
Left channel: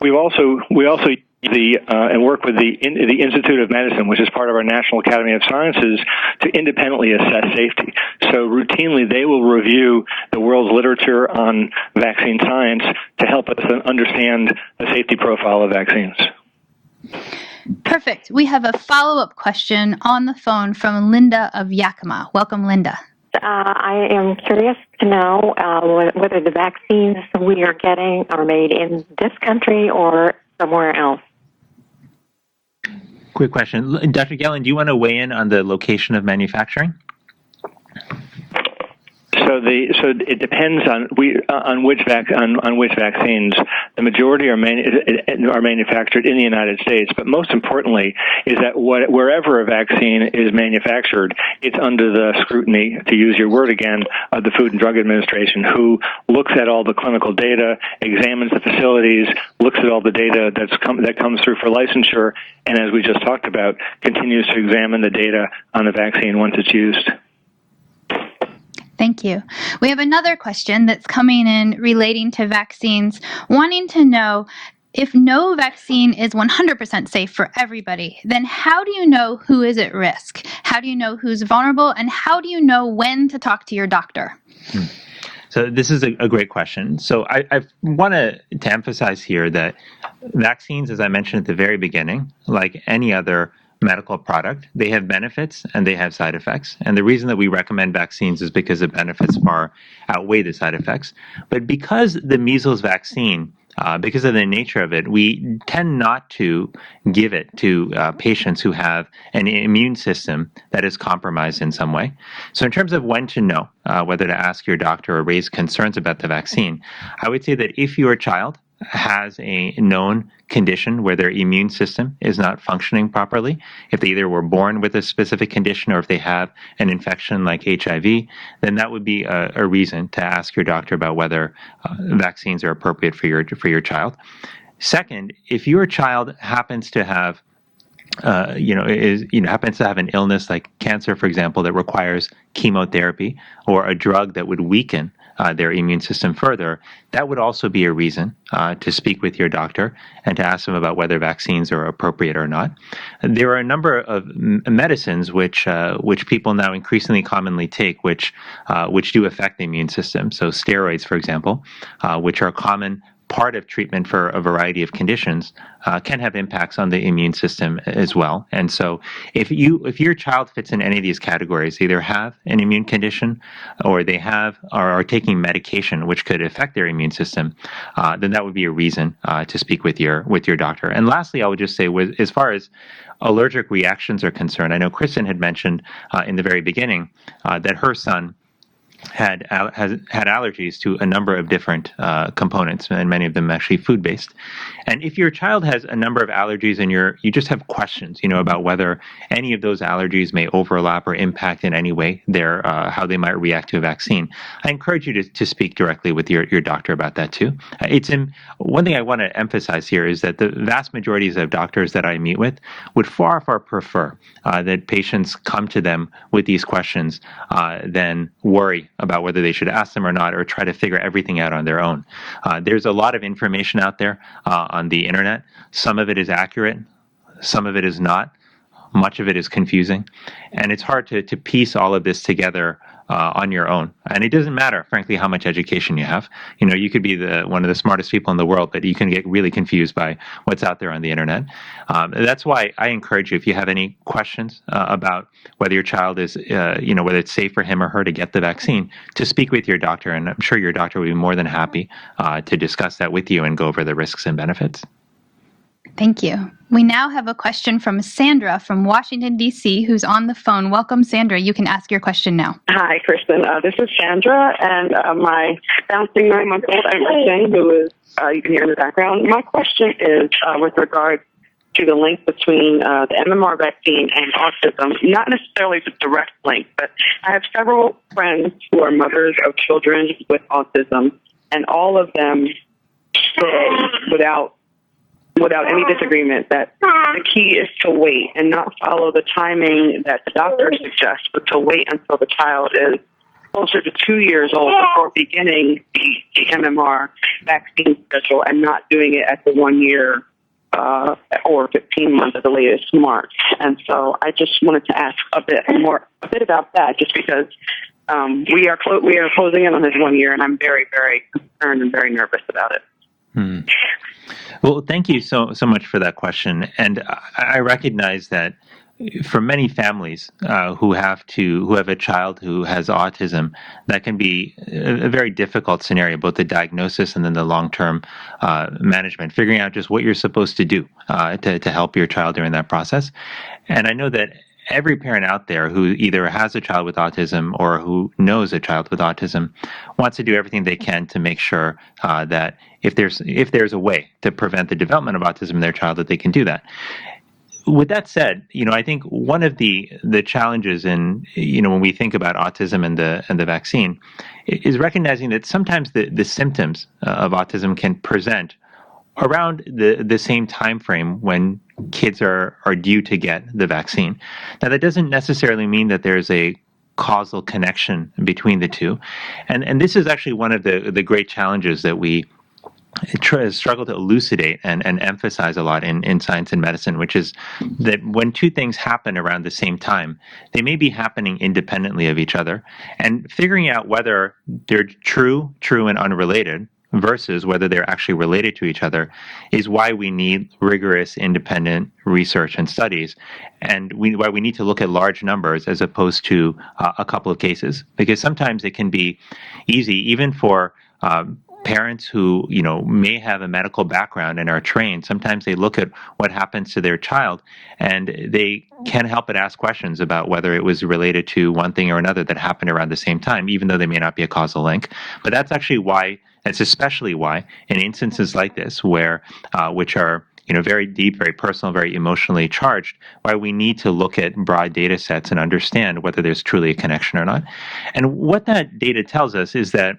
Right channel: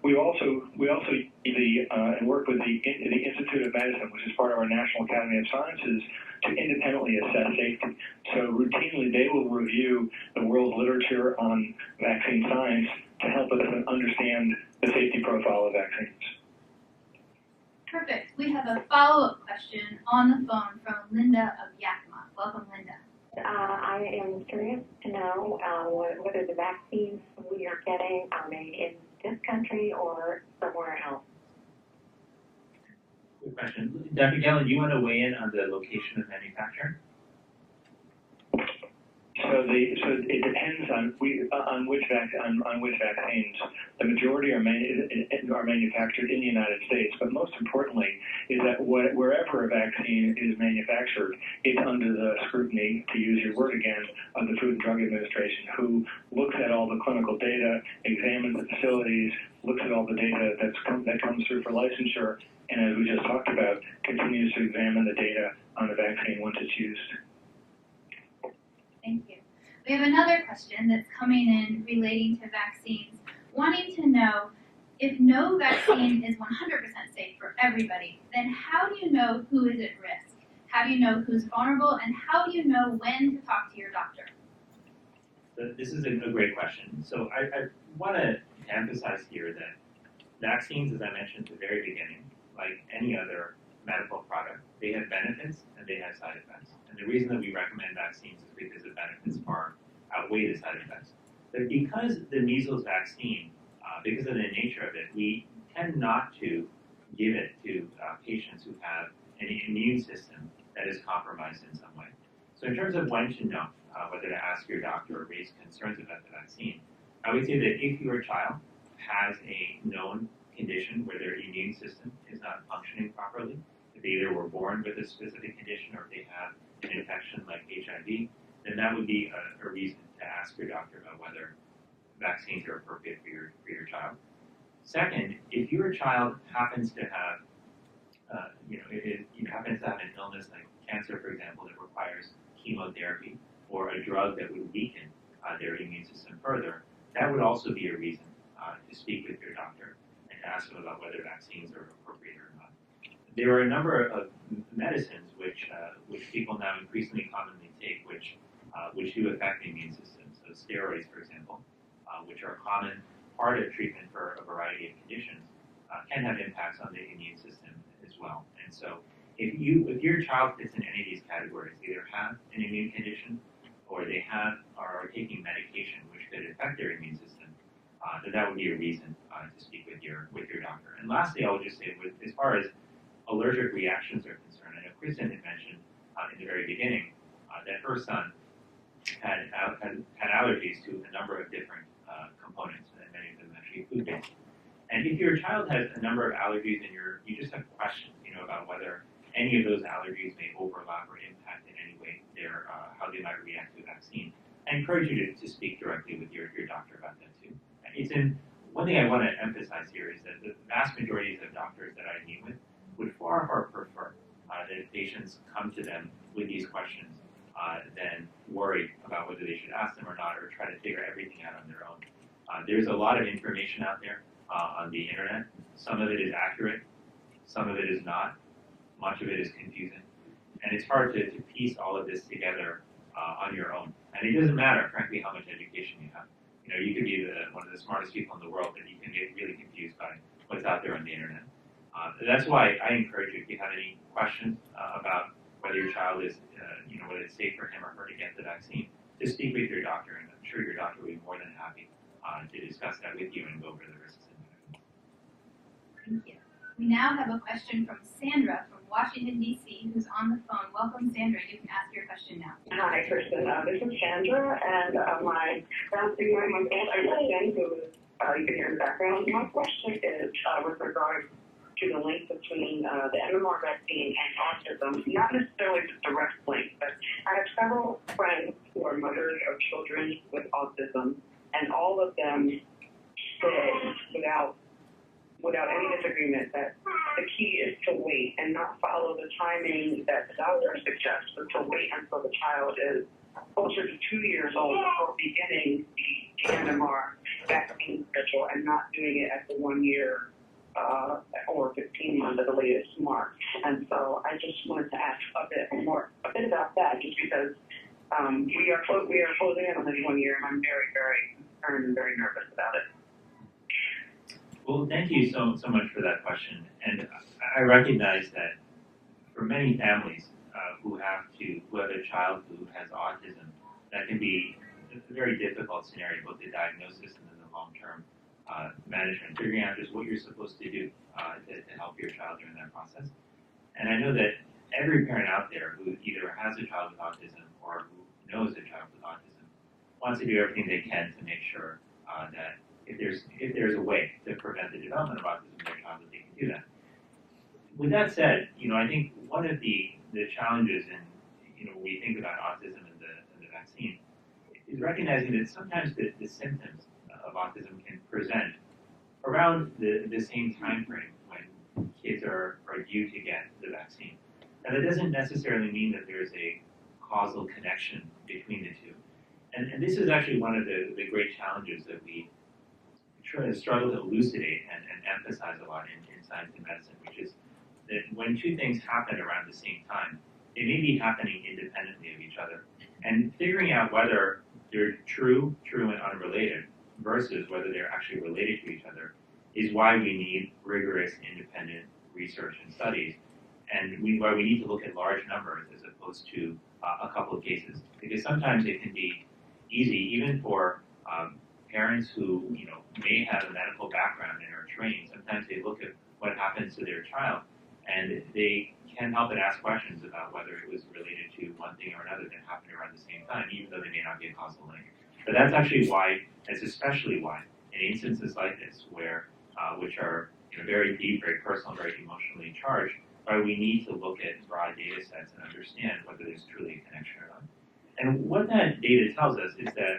We also and work with the Institute of Medicine, which is part of our National Academy of Sciences, to independently assess safety. So routinely, they will review the world's literature on vaccine science to help us understand the safety profile of vaccines. Perfect. We have a follow-up question on the phone from Linda of Yakima. Welcome, Linda. I am curious to know whether the vaccines we are getting are made in this country or somewhere else. Quick question. Dr. Gallen, do you want to weigh in on the location of manufacturing? So it depends on which vaccines. The majority are manufactured in the United States, but most importantly is that wherever a vaccine is manufactured, it's under the scrutiny, to use your word again, of the Food and Drug Administration, who looks at all the clinical data, examines the facilities, looks at all the data that comes through for licensure, and as we just talked about, continues to examine the data on the vaccine once it's used. Thank you. We have another question that's coming in relating to vaccines, wanting to know if no vaccine is 100% safe for everybody, then how do you know who is at risk? How do you know who's vulnerable? And how do you know when to talk to your doctor? So this is a great question. So I want to emphasize here that vaccines, as I mentioned at the very beginning, like any other medical product, they have benefits and they have side effects. And the reason that we recommend vaccines is because the benefits far outweigh the side effects. But because the measles vaccine, because of the nature of it, we tend not to give it to patients who have an immune system that is compromised in some way. So in terms of when to know whether to ask your doctor or raise concerns about the vaccine, I would say that if your child has a known condition where their immune system is not functioning properly, if they either were born with a specific condition or if they have an infection like HIV, then that would be a reason to ask your doctor about whether vaccines are appropriate for your child. Second, if your child happens to have happens to have an illness like cancer, for example, that requires chemotherapy or a drug that would weaken their immune system further, that would also be a reason to speak with your doctor and to ask them about whether vaccines are appropriate or not. There are a number of medicines which people now increasingly commonly take, which do affect the immune system. So steroids, for example, which are a common part of treatment for a variety of conditions, can have impacts on the immune system as well. And so if your child fits in any of these categories, either have an immune condition or they have or are taking medication which could affect their immune system, then that would be a reason to speak with your doctor. And lastly, I would just say, as far as allergic reactions are concerned, I know Kristen had mentioned in the very beginning that her son had allergies to a number of different components, and many of them actually food-based. And if your child has a number of allergies and you just have questions, about whether any of those allergies may overlap or impact in any way how they might react to a vaccine, I encourage you to speak directly with your doctor about that too. One thing I want to emphasize here is that the vast majorities of doctors that I meet with would far prefer that patients come to them with these questions than worry about whether they should ask them or not, or try to figure everything out on their own. There's a lot of information out there on the internet. Some of it is accurate, some of it is not. Much of it is confusing, and it's hard to piece all of this together on your own. And it doesn't matter, frankly, how much education you have. You could be one of the smartest people in the world, but you can get really confused by what's out there on the internet. That's why I encourage you, if you have any questions about whether your child is, whether it's safe for him or her to get the vaccine, to speak with your doctor. And I'm sure your doctor will be more than happy to discuss that with you and go over the risks and benefits. Thank you. We now have a question from Sandra from Washington, D.C., who's on the phone. Welcome, Sandra. You can ask your question now. Hi, Kristen. This is Sandra, and my bouncing 9-month-old Emerson, who is, you can hear in the background. My question is with regard to the link between the MMR vaccine and autism, not necessarily the direct link, but I have several friends who are mothers of children with autism, and all of them say without any disagreement that the key is to wait and not follow the timing that the doctor suggests, but to wait until the child is closer to 2 years old before beginning the MMR vaccine schedule and not doing it at the 1 year or 15 months at the latest mark. And so I just wanted to ask a bit about that, just because we are closing in on his 1 year, and I'm very, very concerned and very nervous about it. Hmm. Well, thank you so much for that question. And I recognize that for many families who have a child who has autism, that can be a very difficult scenario, both the diagnosis and then the long-term management, figuring out just what you're supposed to do to help your child during that process. And I know that every parent out there who either has a child with autism or who knows a child with autism wants to do everything they can to make sure that if there's a way to prevent the development of autism in their child, that they can do that. With that said, I think one of the challenges in when we think about autism and the vaccine is recognizing that sometimes the symptoms of autism can present around the same time frame when kids are due to get the vaccine. Now, that doesn't necessarily mean that there's a causal connection between the two, and this is actually one of the great challenges that we struggle to elucidate and emphasize a lot in science and medicine, which is that when two things happen around the same time, they may be happening independently of each other, and figuring out whether they're true and unrelated versus whether they're actually related to each other is why we need rigorous independent research and studies, and why we need to look at large numbers as opposed to a couple of cases, because sometimes it can be easy even for parents who may have a medical background and are trained. Sometimes they look at what happens to their child and they can't help but ask questions about whether it was related to one thing or another that happened around the same time, even though they may not be a causal link. But that's actually why That's especially why in instances like this, which are very deep, very personal, very emotionally charged, why we need to look at broad data sets and understand whether there's truly a connection or not. And what that data tells us is that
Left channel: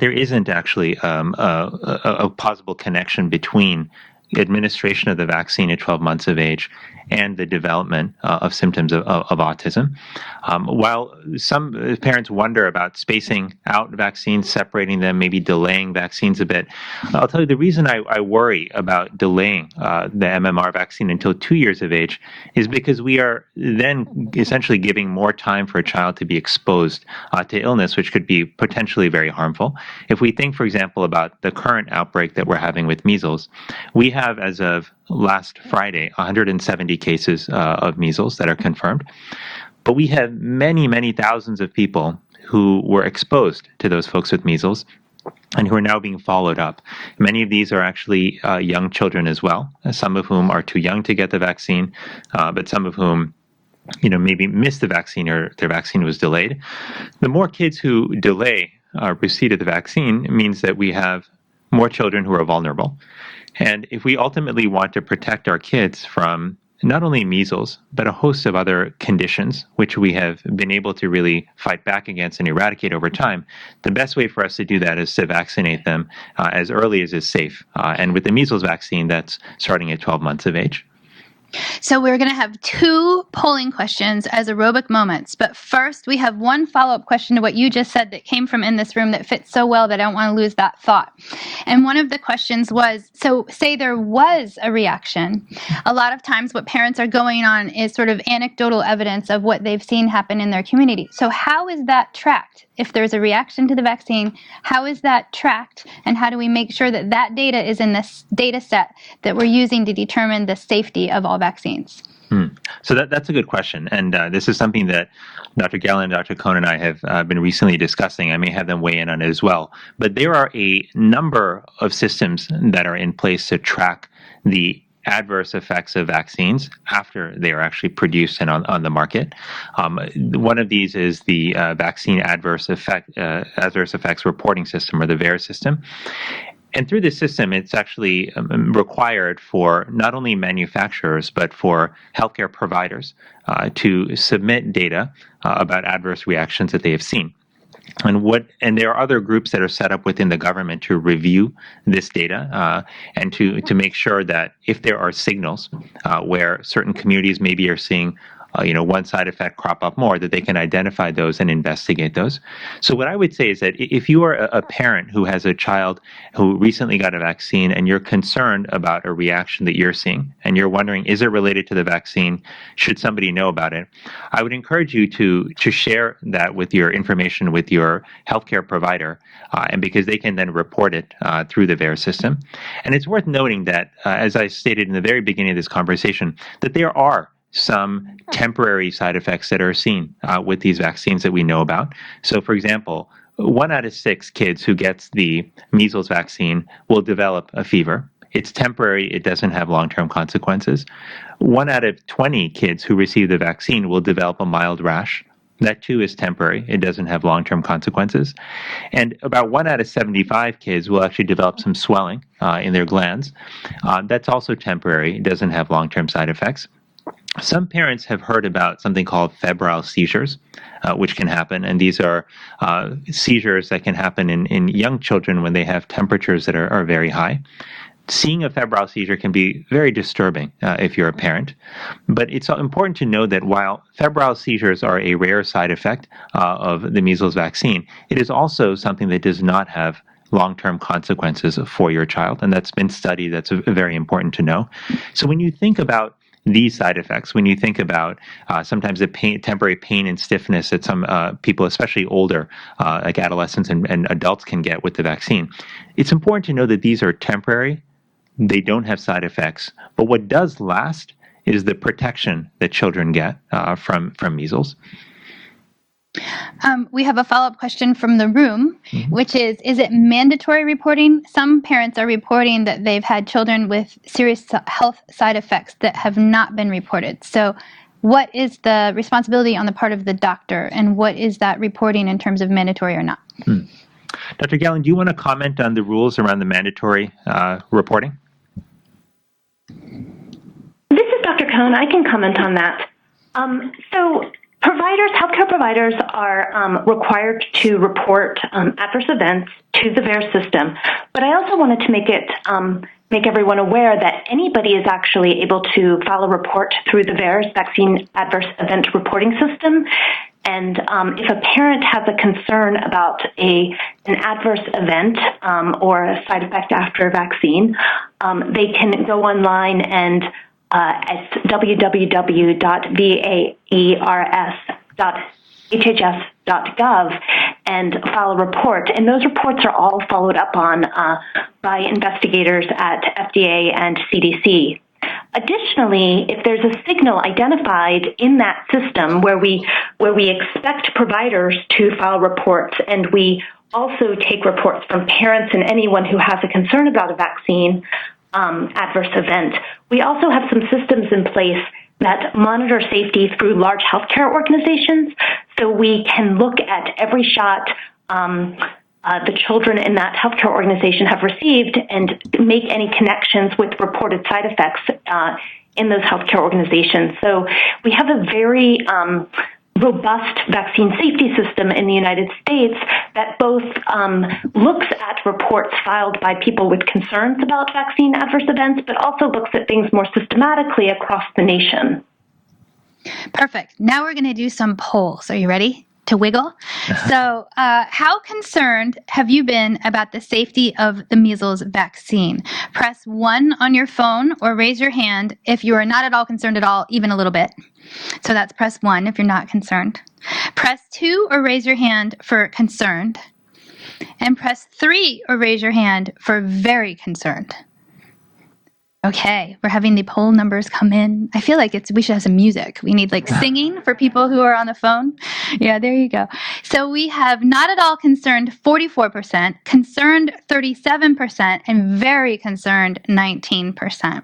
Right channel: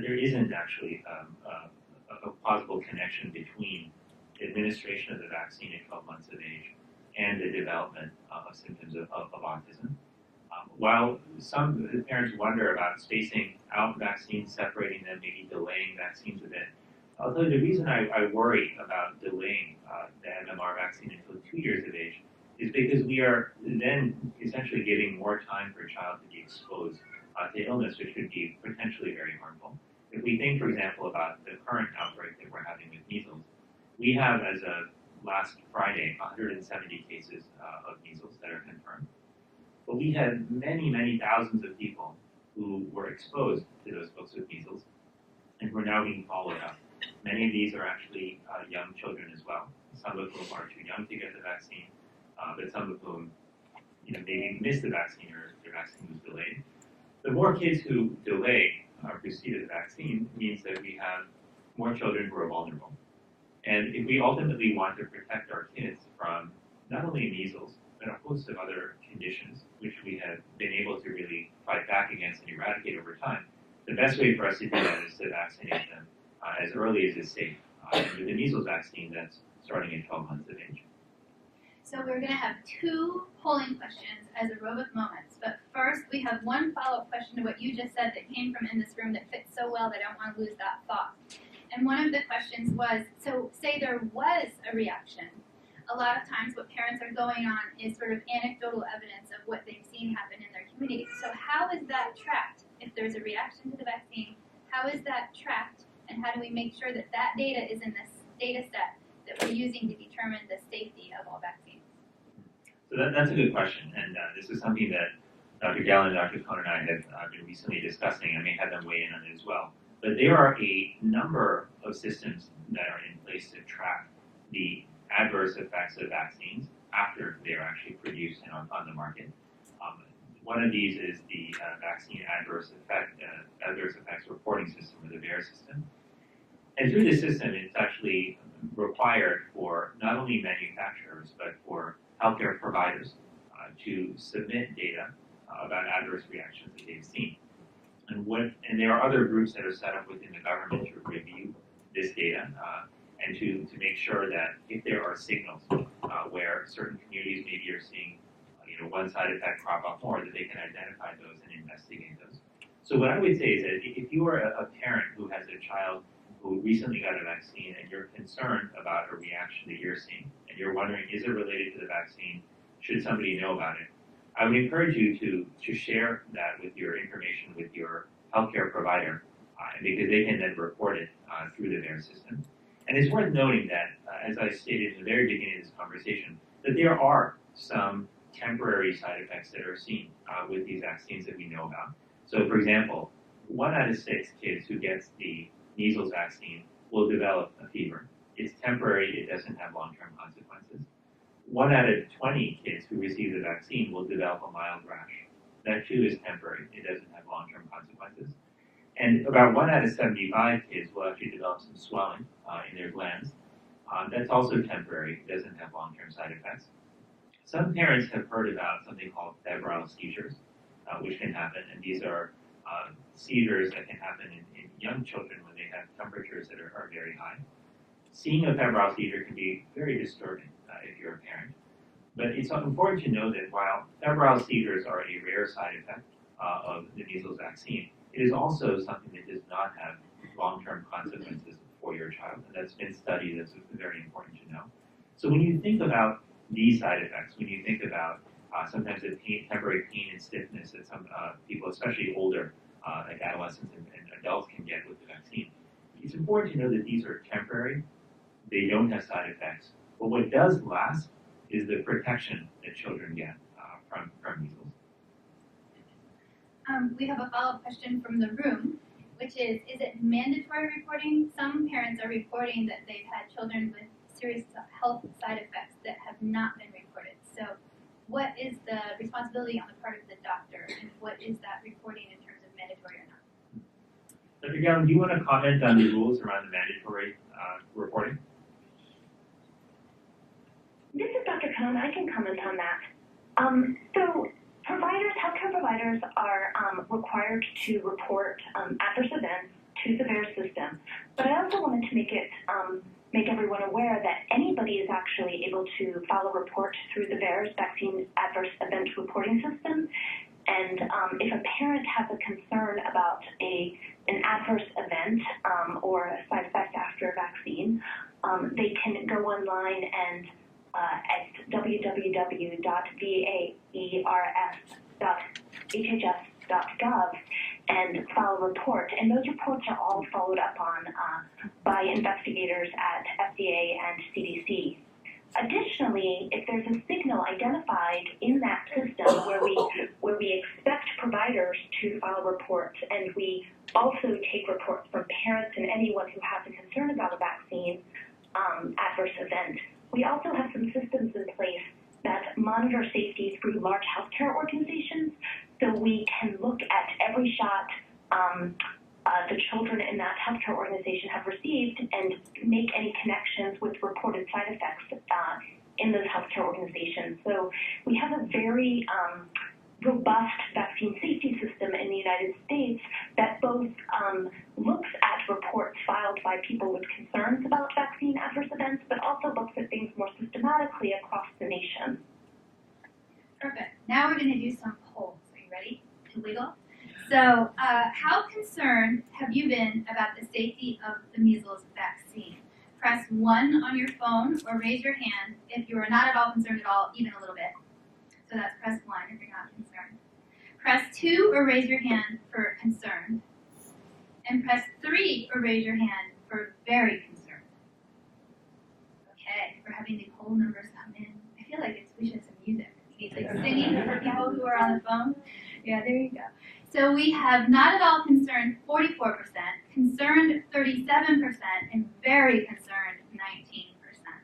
there isn't actually a possible connection between administration of the vaccine at 12 months of age and the development of symptoms of autism. While some parents wonder about spacing out vaccines, separating them, maybe delaying vaccines a bit, I'll tell you the reason I worry about delaying the MMR vaccine until 2 years of age is because we are then essentially giving more time for a child to be exposed to illness, which could be potentially very harmful. If we think, for example, about the current outbreak that we're having with measles, we have, as of last Friday, 170 cases of measles that are confirmed. But we have many, many thousands of people who were exposed to those folks with measles and who are now being followed up. Many of these are actually young children as well, some of whom are too young to get the vaccine, but some of whom maybe missed the vaccine or their vaccine was delayed. The more kids who delay receipt of the vaccine means that we have more children who are vulnerable. And if we ultimately want to protect our kids from not only measles, but a host of other conditions, which we have been able to really fight back against and eradicate over time, the best way for us to do that is to vaccinate them as early as is safe. And with the measles vaccine, that's starting at 12 months of age. So we're going to have 2 polling questions as aerobic moments. But first, we have one follow-up question to what you just said that came from in this room that fits so well that I don't want to lose that thought. And one of the questions was, so say there was a reaction. A lot of times what parents are going on is sort of anecdotal evidence of what they've seen happen in their community. So how is that tracked? If there's a reaction to the vaccine, how is that tracked? And how do we make sure that that data is in this data set that we're using to determine the safety of all vaccines? So that's a good question. And this is something that Dr. Geller and Dr. Cohn and I have been recently discussing. I may have them weigh in on it as well. But there are a number of systems that are in place to track the adverse effects of vaccines after they are actually produced and on the market. One of these is the Vaccine Adverse Effects Reporting System, or the VAERS system. And through this system, it's actually required for not only manufacturers, but for healthcare providers to submit data about adverse reactions that they have seen. And there are other groups that are set up within the government to review this data and to make sure that if there are signals where certain communities maybe are seeing one side effect crop up more, that they can identify those and investigate those. So what I would say is that if you are a parent who has a child who recently got a vaccine and you're concerned about a reaction that you're seeing and you're wondering, is it related to the vaccine? Should somebody know about it? I would encourage you to share that with your information with your healthcare provider, and because they can then report it through the VAERS system. And it's worth noting that, as I stated in the very beginning of this conversation, that there are some temporary side effects that are seen with these vaccines that we know about. So, for example, 1 out of 6 kids who gets the measles vaccine will develop a fever. It's temporary. It doesn't have long-term consequences. 1 out of 20 kids who receive the vaccine will develop a mild rash. That too is temporary. It doesn't have long-term consequences. And about 1 out of 75 kids will actually develop some swelling in their glands. That's also temporary. It doesn't have long-term side effects. Some parents have heard about something called febrile seizures, which can happen. And these are seizures that can happen in young children when they have temperatures that are very high. Seeing a febrile seizure can be very disturbing if you're a parent. But it's important to know that while febrile seizures are a rare side effect of the measles vaccine, it is also something that does not have long-term consequences for your child. And that's been studied. That's very important to know. So when you think about these side effects, when you think about sometimes the temporary pain and stiffness that some people, especially older, like adolescents and adults, can get with the vaccine, it's important to know that these are temporary. They don't have side effects. But what does last is the protection that children get from measles. We have a follow-up question from the room, which is it mandatory reporting? Some parents are reporting that they've had children with serious health side effects that have not been reported. So what is the responsibility on the part of the doctor, and what is that reporting in terms of mandatory or not? Dr. Gallen, do you want to comment on the rules around the mandatory reporting? This is Dr. Cohn. I can comment on that. So healthcare providers are required to report adverse events to the VAERS system, but I also wanted to make everyone aware that anybody is actually able to file a report through the VAERS Vaccine Adverse Event Reporting System. And if a parent has a concern about an adverse event or a side effect after a vaccine, they can go online and at www.vaers.hhs.gov and file a report. And those reports are all followed up on by investigators at FDA and CDC. Additionally, if there's a signal identified in that system where we expect providers to file reports, and we also take reports from parents and anyone who has a concern about a vaccine adverse event, we also have some systems in place that monitor safety through large healthcare organizations, so we can look at every shot the children in that healthcare organization have received and make any connections with reported side effects in those healthcare organizations. So we have a very robust vaccine safety system in the United States that both looks at reports filed by people with concerns about vaccine adverse events, but also looks at things more systematically across the nation. Perfect. Now we're going to do some polls. Are you ready to wiggle? So how concerned have you been about the safety of the measles vaccine? Press 1 on your phone or raise your hand if you are not at all concerned at all, even a little bit. So that's press 1 if you're not concerned. Press 2 or raise your hand for concerned. And press 3 or raise your hand for very concerned. Okay, we're having the poll numbers come in. I feel like we should have some music. We need like singing for people who are on the phone. Yeah, there you go. So we have not at all concerned 44%, concerned 37%, and very concerned 19%.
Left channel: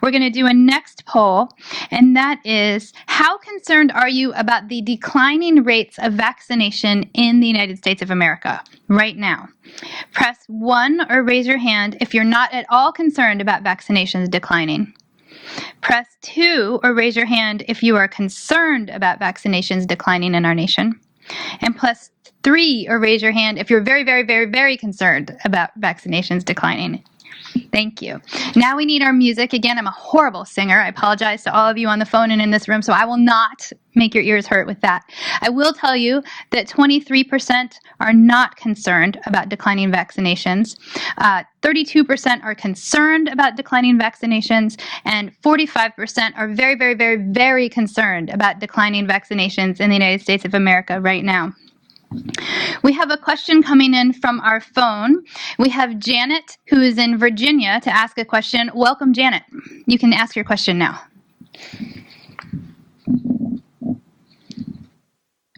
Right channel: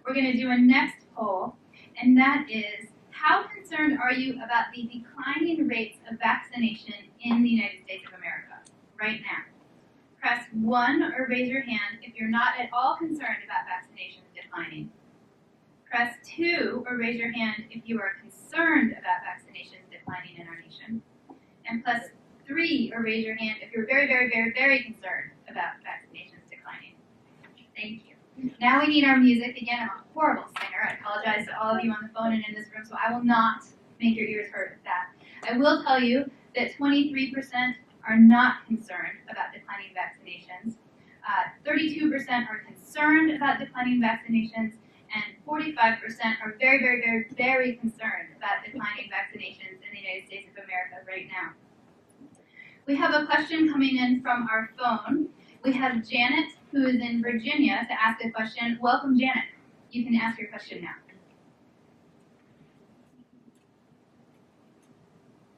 We're going to do a next poll, and that is, how concerned are you about the declining rates of vaccination in the United States of America right now? Press 1 or raise your hand if you're not at all concerned about vaccinations declining. Press 2 or raise your hand if you are concerned about vaccinations declining in our nation. And press 3 or raise your hand if you're very, very, very, very concerned about vaccinations declining. Thank you. Now we need our music. Again, I'm a horrible singer. I apologize to all of you on the phone and in this room, so I will not make your ears hurt with that. I will tell you that 23% are not concerned about declining vaccinations, 32% are concerned about declining vaccinations, and 45% are very, very, very, very concerned about declining vaccinations in the United States of America right now. We have a question coming in from our phone. We have Janet, who is in Virginia, to ask a question. Welcome, Janet. You can ask your question now.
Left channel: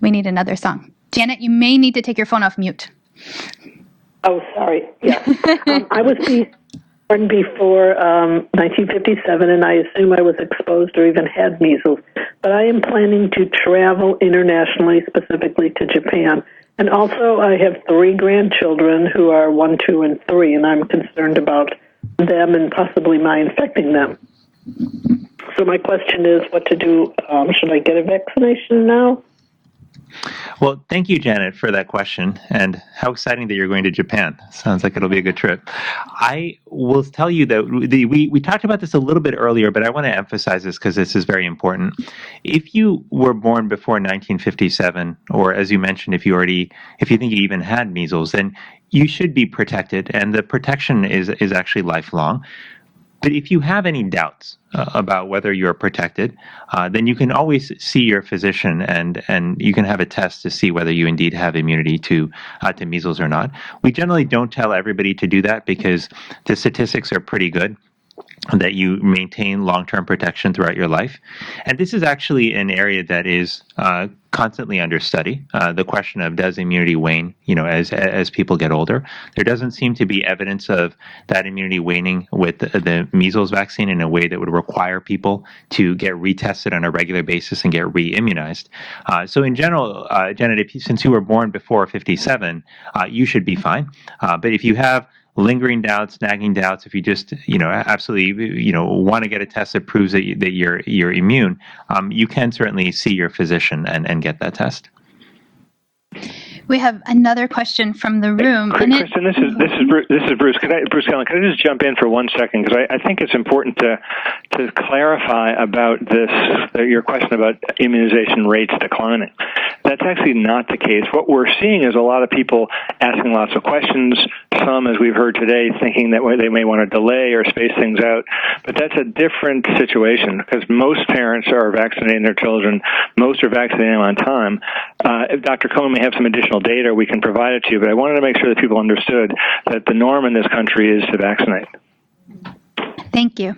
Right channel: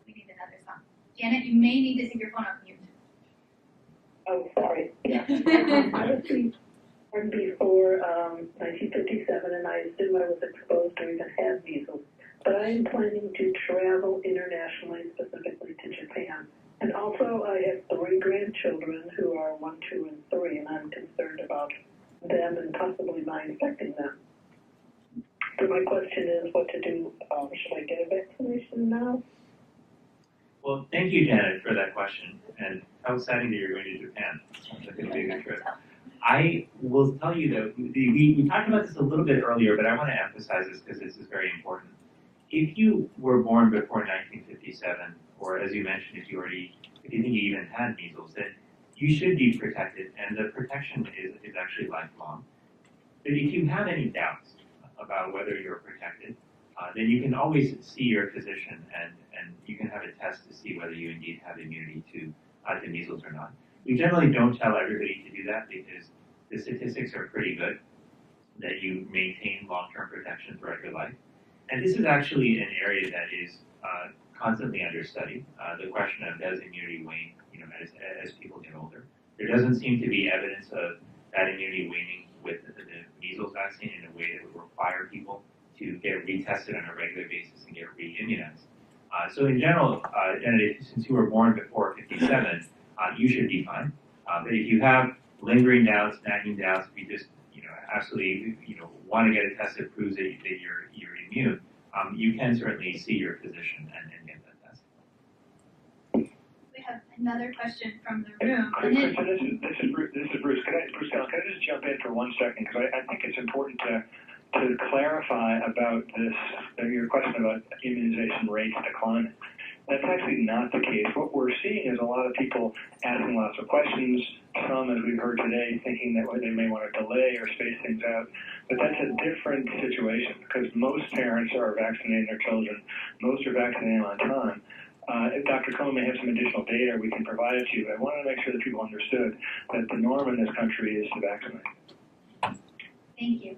We need another song. Janet, you may need to take your phone off mute. Oh, sorry. Yeah. I was born before 1957, and I assume I was exposed or even had measles. But I am planning to travel internationally, specifically to Japan. And also, I have 3 grandchildren who are 1, 2, and 3, and I'm concerned about them and possibly my infecting them. So my question is what to do. Should I get a vaccination now? Well, thank you, Janet, for that question. And how exciting that you're going to Japan. Sounds like it'll be a good trip. I will tell you that we talked about this a little bit earlier, but I want to emphasize this because this is very important. If you were born before 1957, or as you mentioned, if you think you even had measles, then you should be protected, and the protection is actually lifelong. But if you have any doubts about whether you're protected, then you can always see your physician, and you can have a test to see whether you indeed have immunity to measles or not. We generally don't tell everybody to do that because the statistics are pretty good that you maintain long-term protection throughout your life. And this is actually an area that is constantly under study. The question of does immunity wane, as people get older. There doesn't seem to be evidence of that immunity waning with the measles vaccine in a way that would require people to get retested on a regular basis and get re-immunized. So in general, Janet, since you were born before 57, you should be fine. But if you have lingering doubts, nagging doubts, if you just, absolutely, want to get a test that proves that you're immune, you can certainly see your physician and get that test. We have another question from the room. Kristen, this is Bruce. Bruce Cullen, can I just jump in for 1 second? Because I think it's important to clarify about this, your question about immunization rates declining. That's actually not the case. What we're seeing is a lot of people asking lots of questions, some, as we've heard today, thinking that they may want to delay or space things out. But that's a different situation because most parents are vaccinating their children. Most are vaccinating them on time. Dr. Cohen may have some additional data we can provide it to you, but I wanted to make sure that people understood that the norm in this country is to vaccinate. Thank you.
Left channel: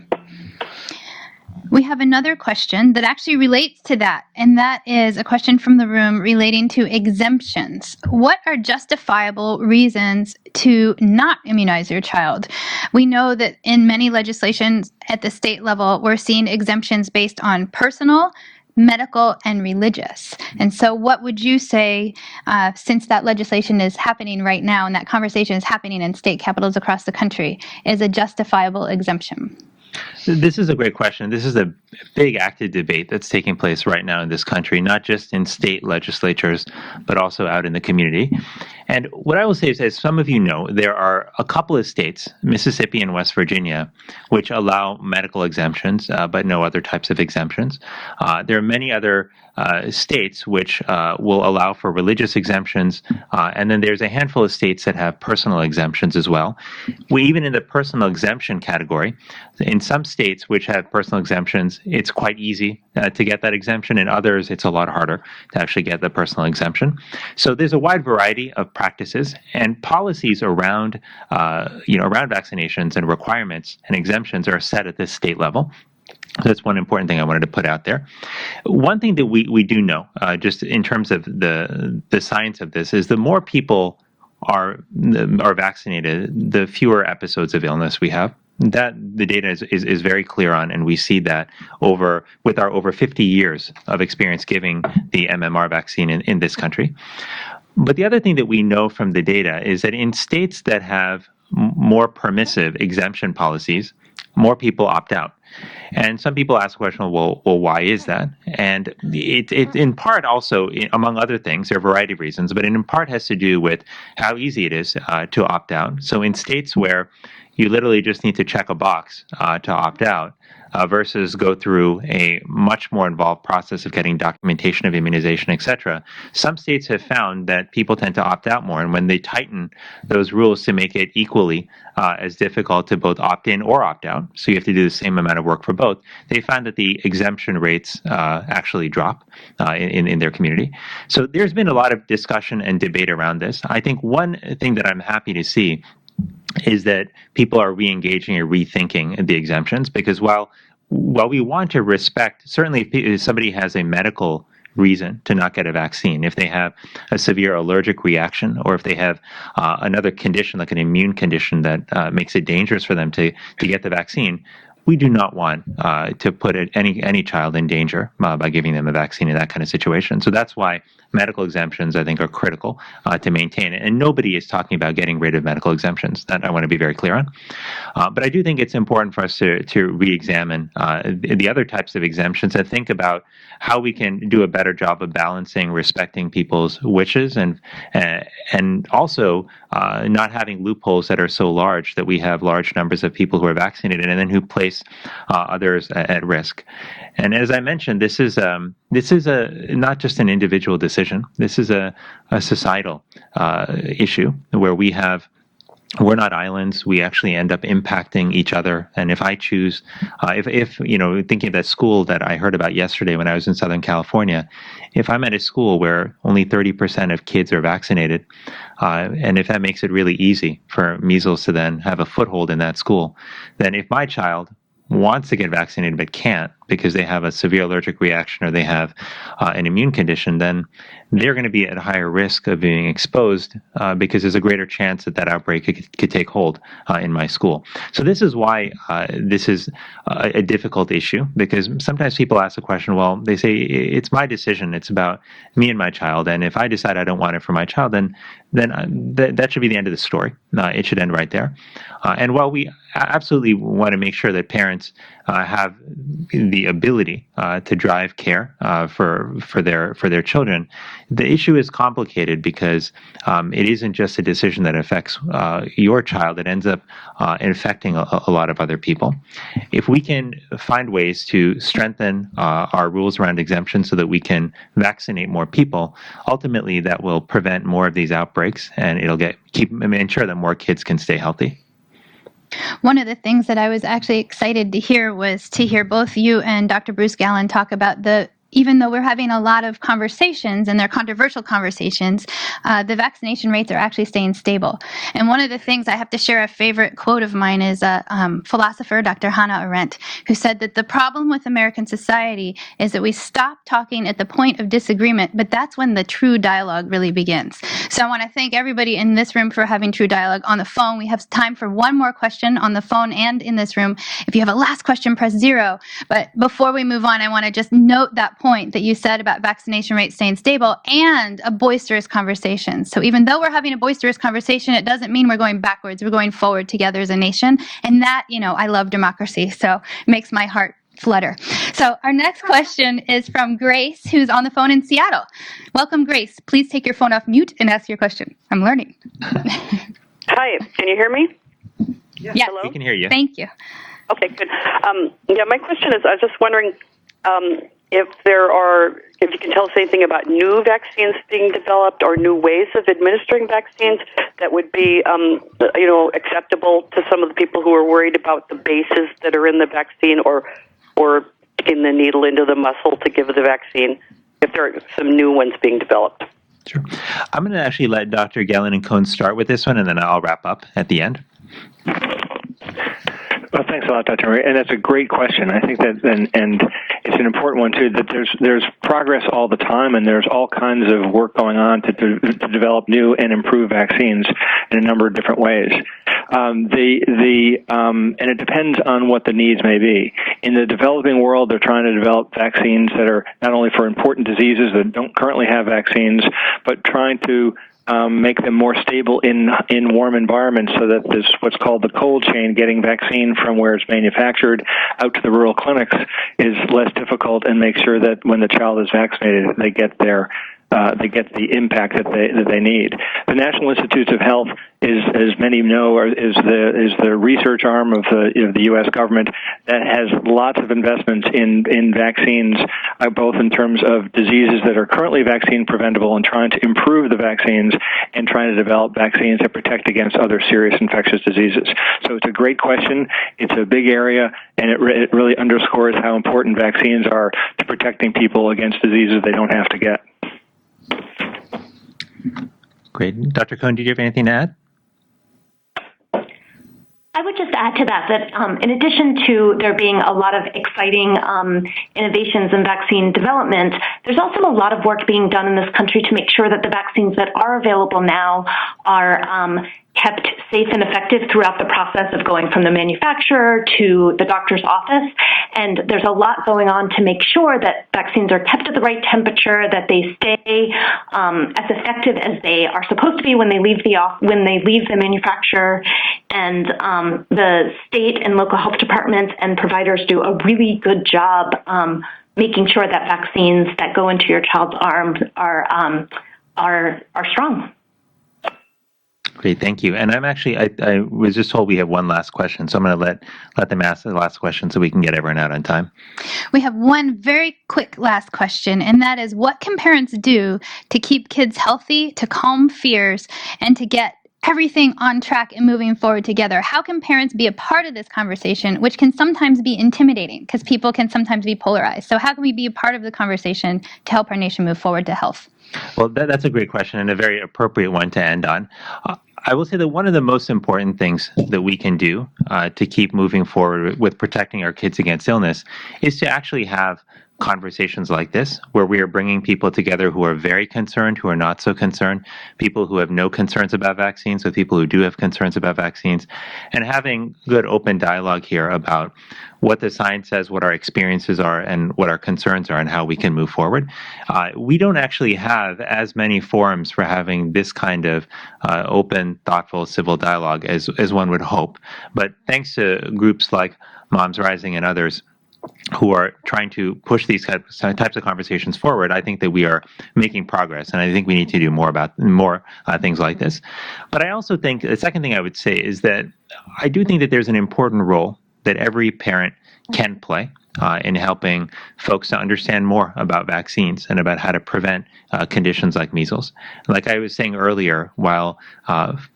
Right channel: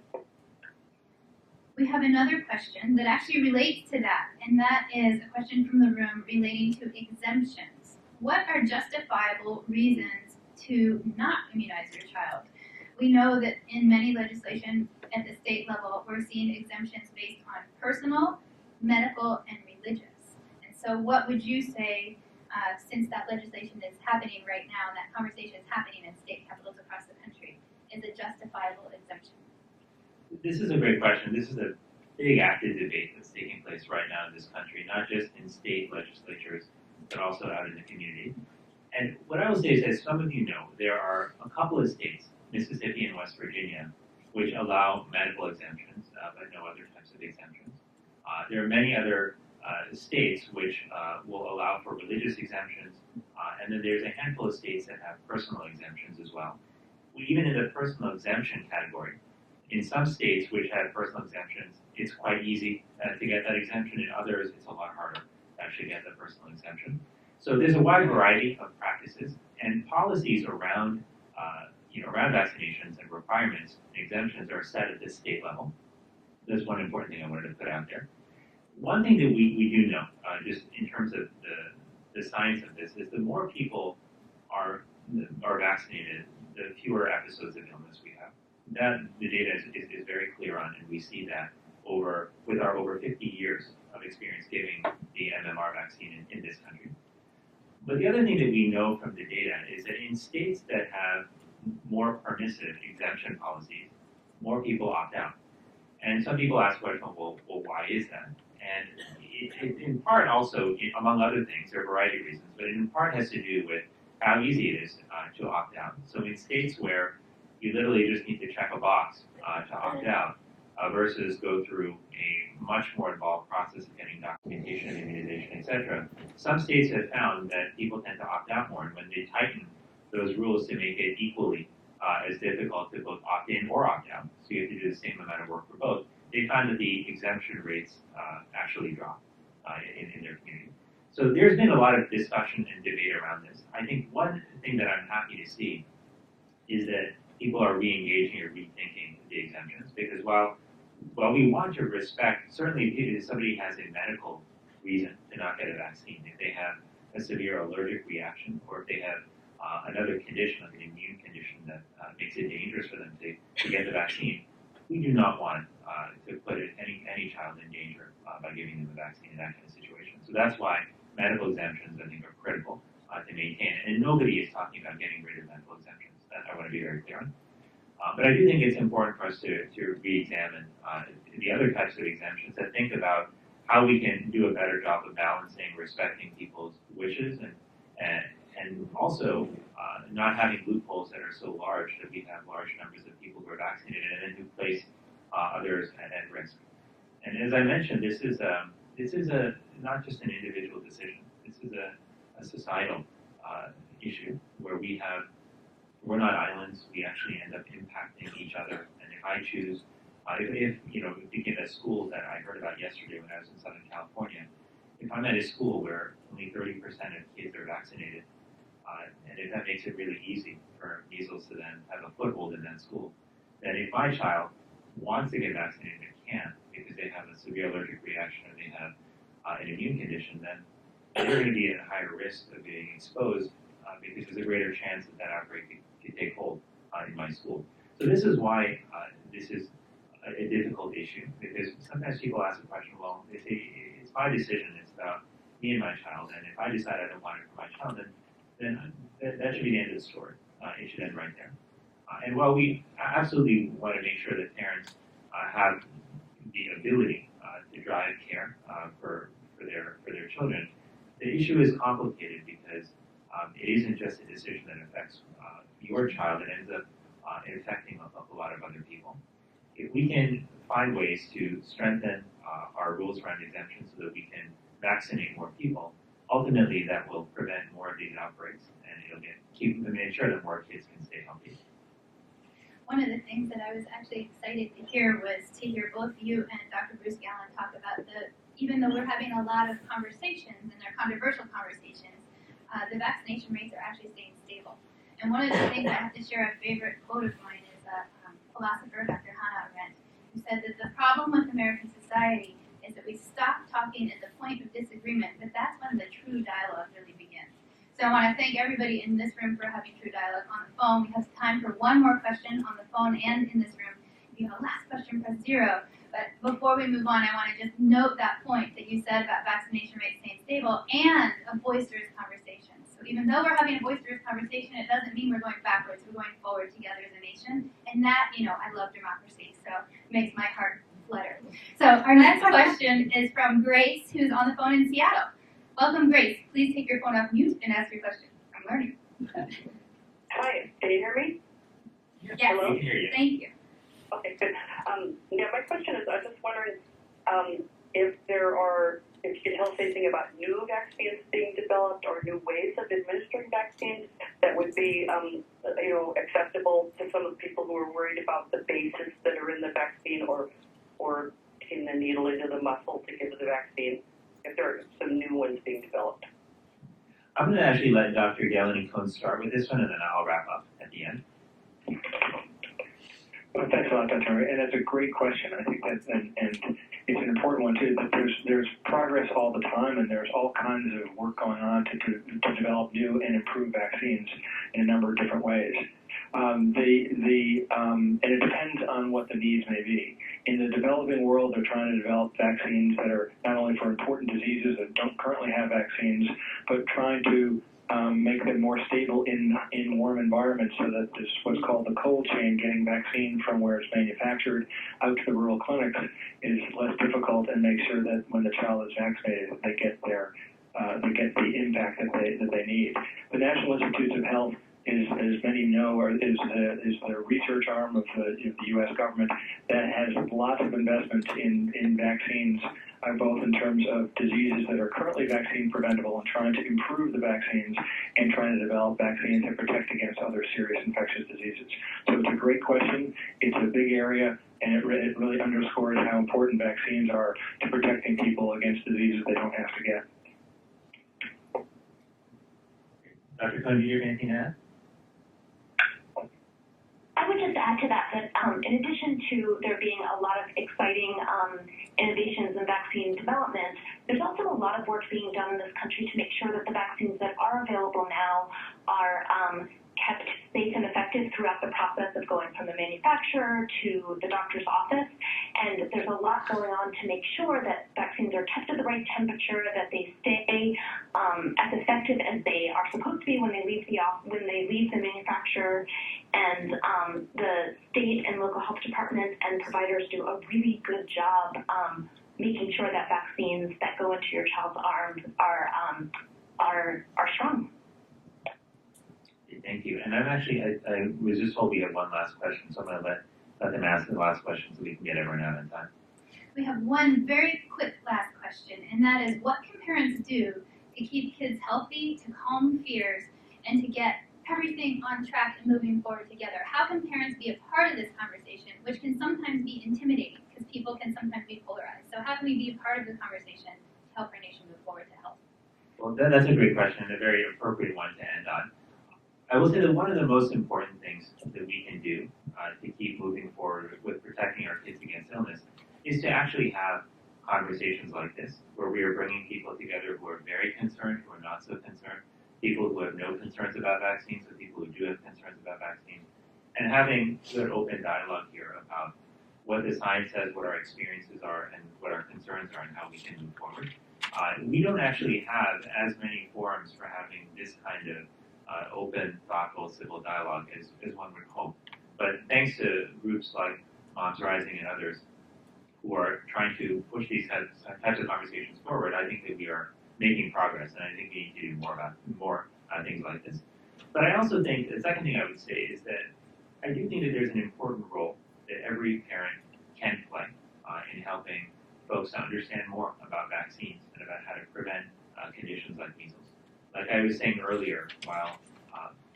We have another question that actually relates to that, and that is a question from the room relating to exemptions. What are justifiable reasons to not immunize your child? We know that in many legislations at the state level, we're seeing exemptions based on personal, medical, and religious. And so what would you say, since that legislation is happening right now and that conversation is happening in state capitals across the country, is a justifiable exemption? This is a great question. This is a big active debate that's taking place right now in this country, not just in state legislatures, but also out in the community. And what I will say is, as some of you know, there are a couple of states, Mississippi and West Virginia, which allow medical exemptions, but no other types of exemptions. There are many other states which will allow for religious exemptions, and then there's a handful of states that have personal exemptions as well. Even in the personal exemption category, in some states which have personal exemptions, it's quite easy to get that exemption. In others, it's a lot harder to actually get the personal exemption. So there's a wide variety of practices and policies around, around vaccinations and requirements and exemptions are set at this state level. That's one important thing I wanted to put out there. One thing that we do know, just in terms of the science of this, is the more people are vaccinated, the fewer episodes of illness we have. That the data is very clear on, and we see that with our over 50 years of experience giving the MMR vaccine in this country. But the other thing that we know from the data is that in states that have more permissive exemption policies, more people opt out. And some people ask the question, well, why is that? And it in part also, among other things, there are a variety of reasons, but it in part has to do with how easy it is to opt out. So in states where you literally just need to check a box to opt out, versus go through a much more involved process of getting documentation of immunization, et cetera. Some states have found that people tend to opt out more, and when they tighten those rules to make it equally as difficult to both opt in or opt out, so you have to do the same amount of work for both, they found that the exemption rates actually drop in their community. So there's been a lot of discussion and debate around this. I think one thing that I'm happy to see is that people are re-engaging or rethinking the exemptions, because while we want to respect, certainly if somebody has a medical reason to not get a vaccine, if they have a severe allergic reaction, or if they have another condition like an immune condition that makes it dangerous for them to get the vaccine, we do not want to put any child in danger by giving them a vaccine in that kind of situation. So that's why medical exemptions, I think, are critical to maintain it. And nobody is talking about getting rid of medical exemptions. That I want to be very clear on. But I do think it's important for us to re-examine the other types of exemptions and think about how we can do a better job of balancing respecting people's wishes and also not having loopholes that are so large that we have large numbers of people who are vaccinated and then who place others at risk. And as I mentioned, this is not just an individual decision. This is a societal issue where we're not islands. We actually end up impacting each other. And if I choose, if thinking of that school that I heard about yesterday when I was in Southern California, if I'm at a school where only 30% of kids are vaccinated, and if that makes it really easy for measles to then have a foothold in that school, then if my child wants to get vaccinated but can't because they have a severe allergic reaction or they have an immune condition, then they're going to be at higher risk of being exposed because there's a greater chance that that outbreak could take hold in my school. So this is why this is a difficult issue, because sometimes people ask the question, well, they say, it's my decision. It's about me and my child. And if I decide I don't want it for my child, then that should be the end of the story. It should end right there. And while we absolutely want to make sure that parents have the ability to drive care for their children, the issue is complicated because it isn't just a decision that affects your child. It ends up infecting a lot of other people. If we can find ways to strengthen our rules around exemptions so that we can vaccinate more people, ultimately that will prevent more of these outbreaks, and it'll ensure that more kids can stay healthy. One of the things that I was actually excited to hear was to hear both you and Dr. Bruce Gallen talk about even though we're having a lot of conversations, and they're controversial conversations, the vaccination rates are actually staying stable. And one of the things, I have to share a favorite quote of mine, is a philosopher, Dr. Hannah Arendt, who said that the problem with American society is that we stop talking at the point of disagreement, but that's when the true dialogue really begins. So I want to thank everybody in this room for having true dialogue on the phone. We have time for one more question on the phone and in this room. If you have a last question, press 0. But before we move on, I want to just note that point that you said about vaccination rates staying stable and a boisterous conversation. So even though we're having a boisterous conversation, it doesn't mean we're going backwards. We're going forward together as a nation. And that, I love democracy, so it makes my heart flutter. So our next question is from Grace, who's on the phone in Seattle. Welcome, Grace. Please take your phone off mute and ask your question. I'm learning. Hi, can you hear me? Yes, we can hear you. Thank you. Okay, good. My question is, I was just wondering if you can tell us anything about new vaccines being developed or new ways of administering vaccines that would be, acceptable to some of the people who are worried about the bases that are in the vaccine or in the needle into the muscle to give the vaccine, if there are some new ones being developed. Sure. I'm going to actually let Dr. Gallen and Cohn start with this one, and then I'll wrap up at the end. Well, thanks a lot, Dr. Murray. And that's a great question. I think that, and it's an important one too. That there's progress all the time, and there's all kinds of work going on to develop new and improve vaccines in a number of different ways. And it depends on what the needs may be. In the developing world, they're trying to develop vaccines that are not only for important diseases that don't currently have vaccines, but trying to make them more stable in warm environments, so that this what's called the cold chain, getting vaccine from where it's manufactured out to the rural clinics, is less difficult, and make sure that when the child is vaccinated, they get the impact that they need. The National Institutes of Health is, as many know, is the research arm of the U.S. government that has lots of investments in vaccines, both in terms of diseases that are currently vaccine preventable and trying to improve the vaccines, and trying to develop vaccines that protect against other serious infectious diseases. So it's a great question. It's a big area, and it really underscores how important vaccines are to protecting people against diseases they don't have to get. Great. Dr. Cohn, do you have anything to add? I would just add to that in addition to there being a lot of exciting innovations in vaccine development, there's also a lot of work being done in this country to make sure that the vaccines that are available now are kept safe and effective throughout the process of going from the manufacturer to the doctor's office. And there's a lot going on to make sure that vaccines are kept at the right temperature, that they stay as effective as they are supposed to be when they leave the manufacturer. And the state and local health departments and providers do a really good job making sure that vaccines that go into your child's arms are strong. Great, thank you. And I'm actually, I was just told we have one last question, so I'm going to let them ask the last question so we can get everyone out on time. We have one very quick last question, and that is, what can parents do to keep kids healthy, to calm fears, and to get everything on track and moving forward together? How can parents be a part of this conversation, which can sometimes be intimidating because people can sometimes be polarized? So how can we be a part of the conversation to help our nation move forward to health? Well, that's a great question and a very appropriate one to end on. I will say that one of the most important things that we can do to keep moving forward with protecting our kids against illness is to actually have conversations like this, where we are bringing people together who are very concerned, who are not so concerned, people who have no concerns about vaccines with people who do have concerns about vaccines, and having good open dialogue here about what the science says, what our experiences are, and what our concerns are, and how we can move forward. We don't actually have as many forums for having this kind of open, thoughtful, civil dialogue as one would hope. But thanks to groups like Moms Rising and others who are trying to push these types of conversations forward, I think that we are making progress, and I think we need to do more things like this. But I also think the second thing I would say is that I do think that there's an important role that every parent can play in helping folks to understand more about vaccines and about how to prevent conditions like measles. Like I was saying earlier, while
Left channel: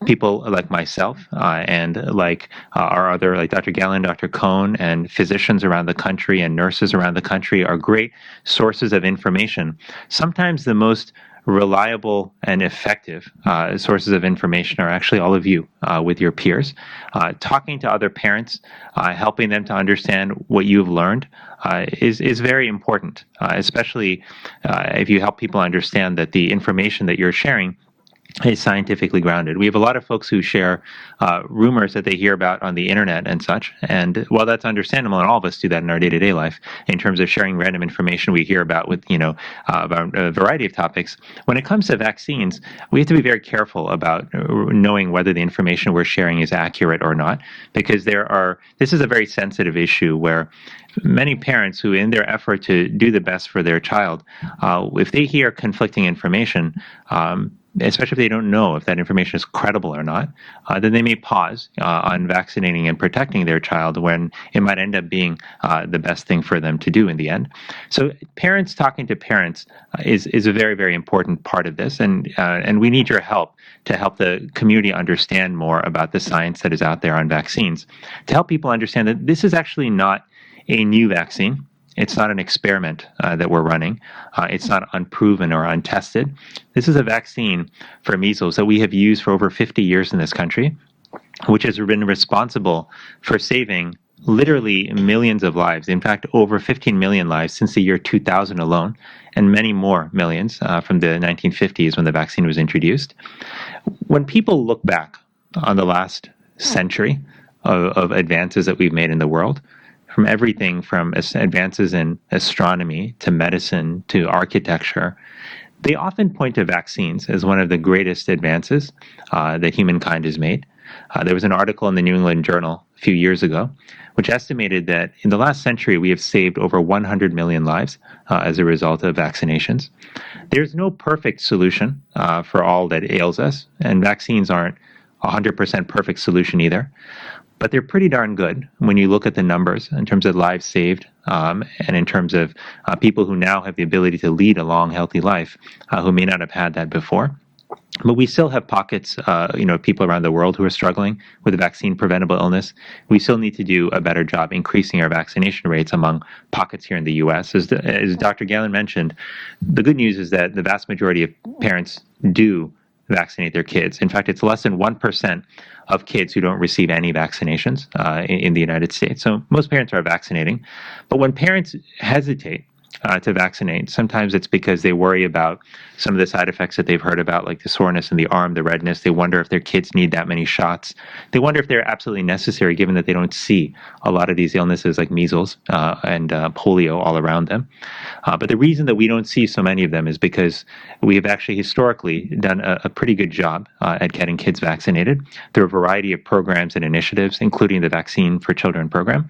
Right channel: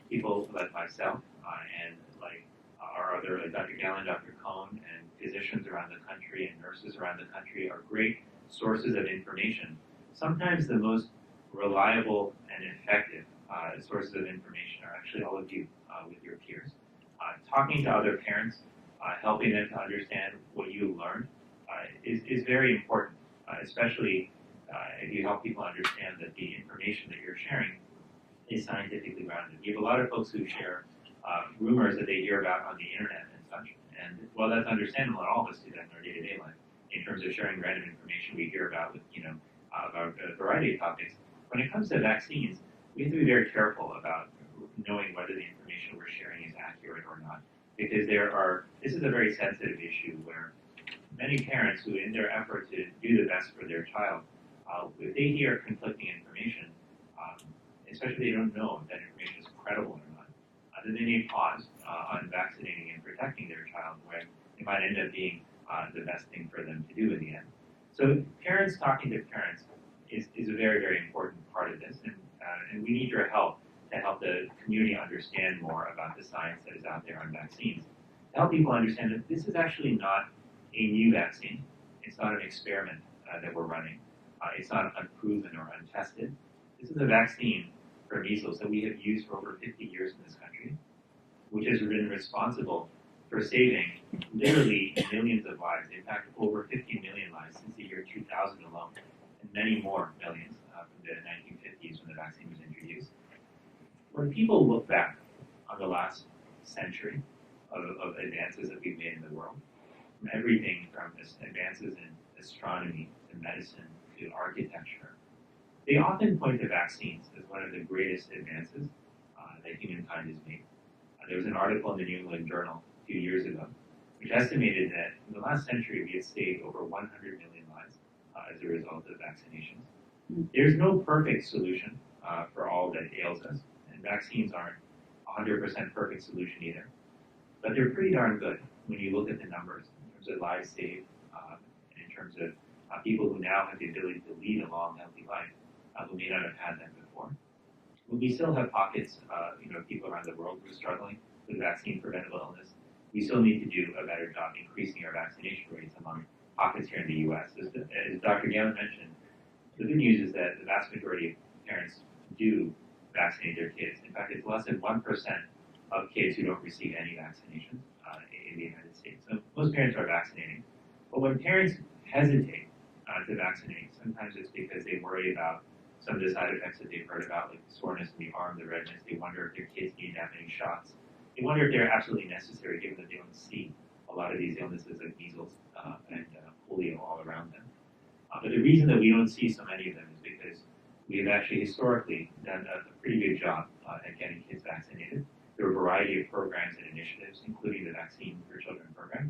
people like myself and like our other, like Dr. Gallen, Dr. Cohn, and physicians around the country and nurses around the country are great sources of information, sometimes the most reliable and effective sources of information are actually all of you with your peers. Talking to other parents, helping them to understand what you've learned is very important, especially if you help people understand that the information that you're sharing is scientifically grounded. We have a lot of folks who share rumors that they hear about on the internet and such. And while that's understandable, and all of us do that in our day-to-day life, in terms of sharing random information we hear about with, about a variety of topics, when it comes to vaccines, we have to be very careful about knowing whether the information we're sharing is accurate or not, because this is a very sensitive issue where many parents who, in their effort to do the best for their child, if they hear conflicting information, especially if they don't know if that information is credible or not, then they may pause on vaccinating and protecting their child when it might end up being the best thing for them to do in the end. So parents talking to parents is a very, very important part of this, and we need your help to help the community understand more about the science that is out there on vaccines, to help people understand that this is actually not a new vaccine. It's not an experiment that we're running. It's not unproven or untested. This is a vaccine for measles that we have used for over 50 years in this country, which has been responsible for saving literally millions of lives. In fact, over 15 million lives since the year 2000 alone, and many more millions from the 1950s when the vaccine was introduced. When people look back on the last century of advances that we've made in the world, from everything from advances in astronomy to medicine to architecture, they often point to vaccines as one of the greatest advances that humankind has made. There was an article in the New England Journal a few years ago which estimated that in the last century we have saved over 100 million lives as a result of vaccinations. There's no perfect solution for all that ails us, and vaccines aren't a 100% perfect solution either. But they're pretty darn good when you look at the numbers in terms of lives saved and in terms of people who now have the ability to lead a long, healthy life who may not have had that before. But we still have pockets, of people around the world who are struggling with vaccine-preventable illness. We still need to do a better job increasing our vaccination rates among pockets here in the U.S. As Dr. Gallen mentioned, the good news is that the vast majority of parents do vaccinate their kids. In fact, it's less than 1% of kids who don't receive any vaccinations in the United States. So most parents are vaccinating. But when parents hesitate to vaccinate, sometimes it's because they worry about some of the side effects that they've heard about, like the soreness in the arm, the redness. They wonder if their kids need that many shots. They wonder if they're absolutely necessary, given that they don't see a lot of these illnesses like measles and polio all around them. But the reason that we don't see so many of them is because we have actually historically done a pretty good job at getting kids vaccinated through a variety of programs and initiatives, including the Vaccine for Children program.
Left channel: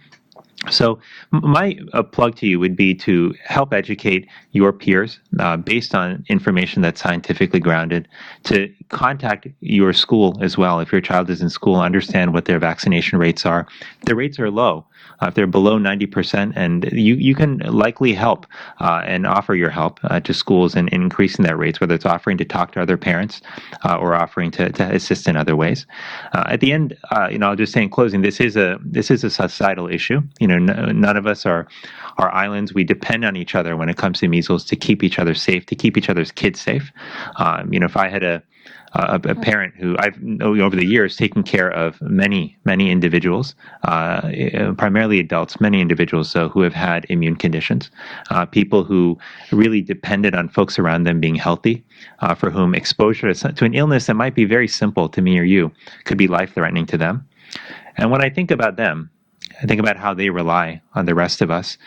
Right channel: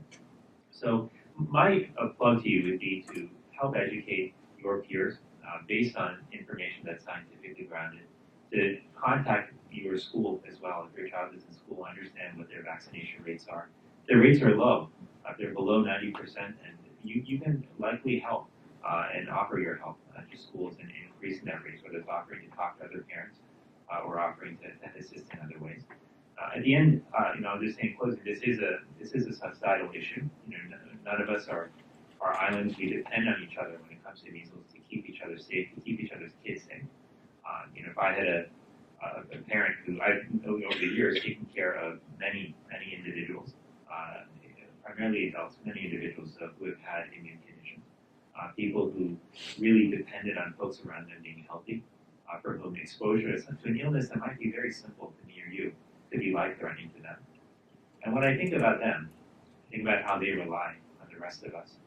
So my plug to you would be to help educate your peers based on information that's scientifically grounded, to contact your school as well. If your child is in school, understand what their vaccination rates are. The rates are low. If they're below 90%, and you can likely help and offer your help to schools in increasing that rates, whether it's offering to talk to other parents or offering to assist in other ways. At the end, I'll just say in closing, this is a societal issue. None of us are islands. We depend on each other when it comes to measles to keep each other safe, to keep each other's kids safe. If I had a parent who I've known over the years taken care of many individuals, primarily adults, many individuals who have had immune conditions, people who really depended on folks around them being healthy, for whom exposure to an illness that might be very simple to me or you could be life-threatening to them. And when I think about them, I think about how they rely on the rest of us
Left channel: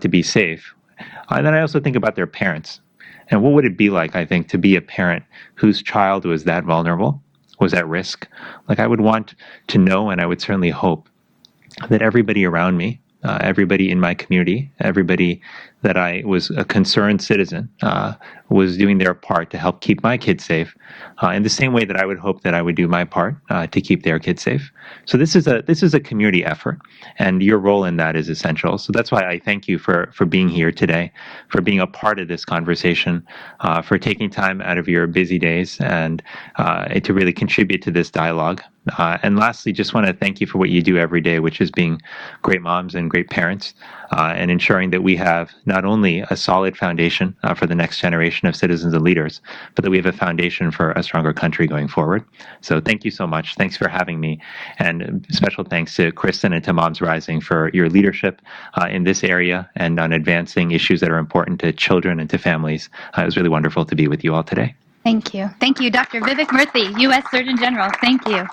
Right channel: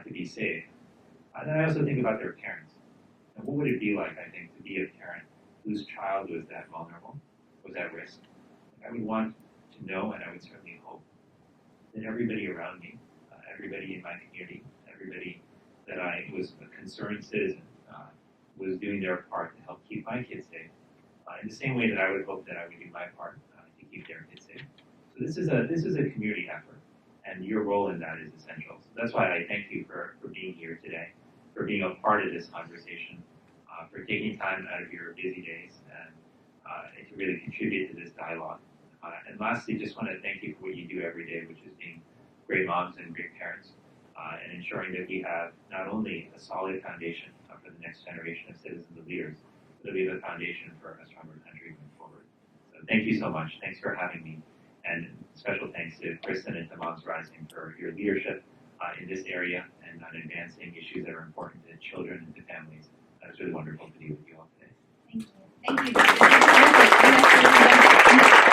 to be safe. And then I also think about their parents. And what would it be like, I think, to be a parent whose child was that vulnerable, was at risk? Like, I would want to know, and I would certainly hope, that everybody around me, everybody in my community, everybody that I was a concerned citizen, was doing their part to help keep my kids safe, in the same way that I would hope that I would do my part to keep their kids safe. So this is a community effort, and your role in that is essential. So that's why I thank you for being here today, for being a part of this conversation, for taking time out of your busy days and to really contribute to this dialogue. And lastly, just want to thank you for what you do every day, which is being great moms and great parents, and ensuring that we have not only a solid foundation for the next generation of citizens and leaders, but that we have a foundation for a stronger country going forward. So thank you so much. Thanks for having me. And special thanks to Kristen and to Moms Rising for your leadership in this area and on advancing issues that are important to children and to families. It was really wonderful to be with you all today. Thank you. Thank you, Dr. Vivek Murthy, U.S. Surgeon General. Thank you.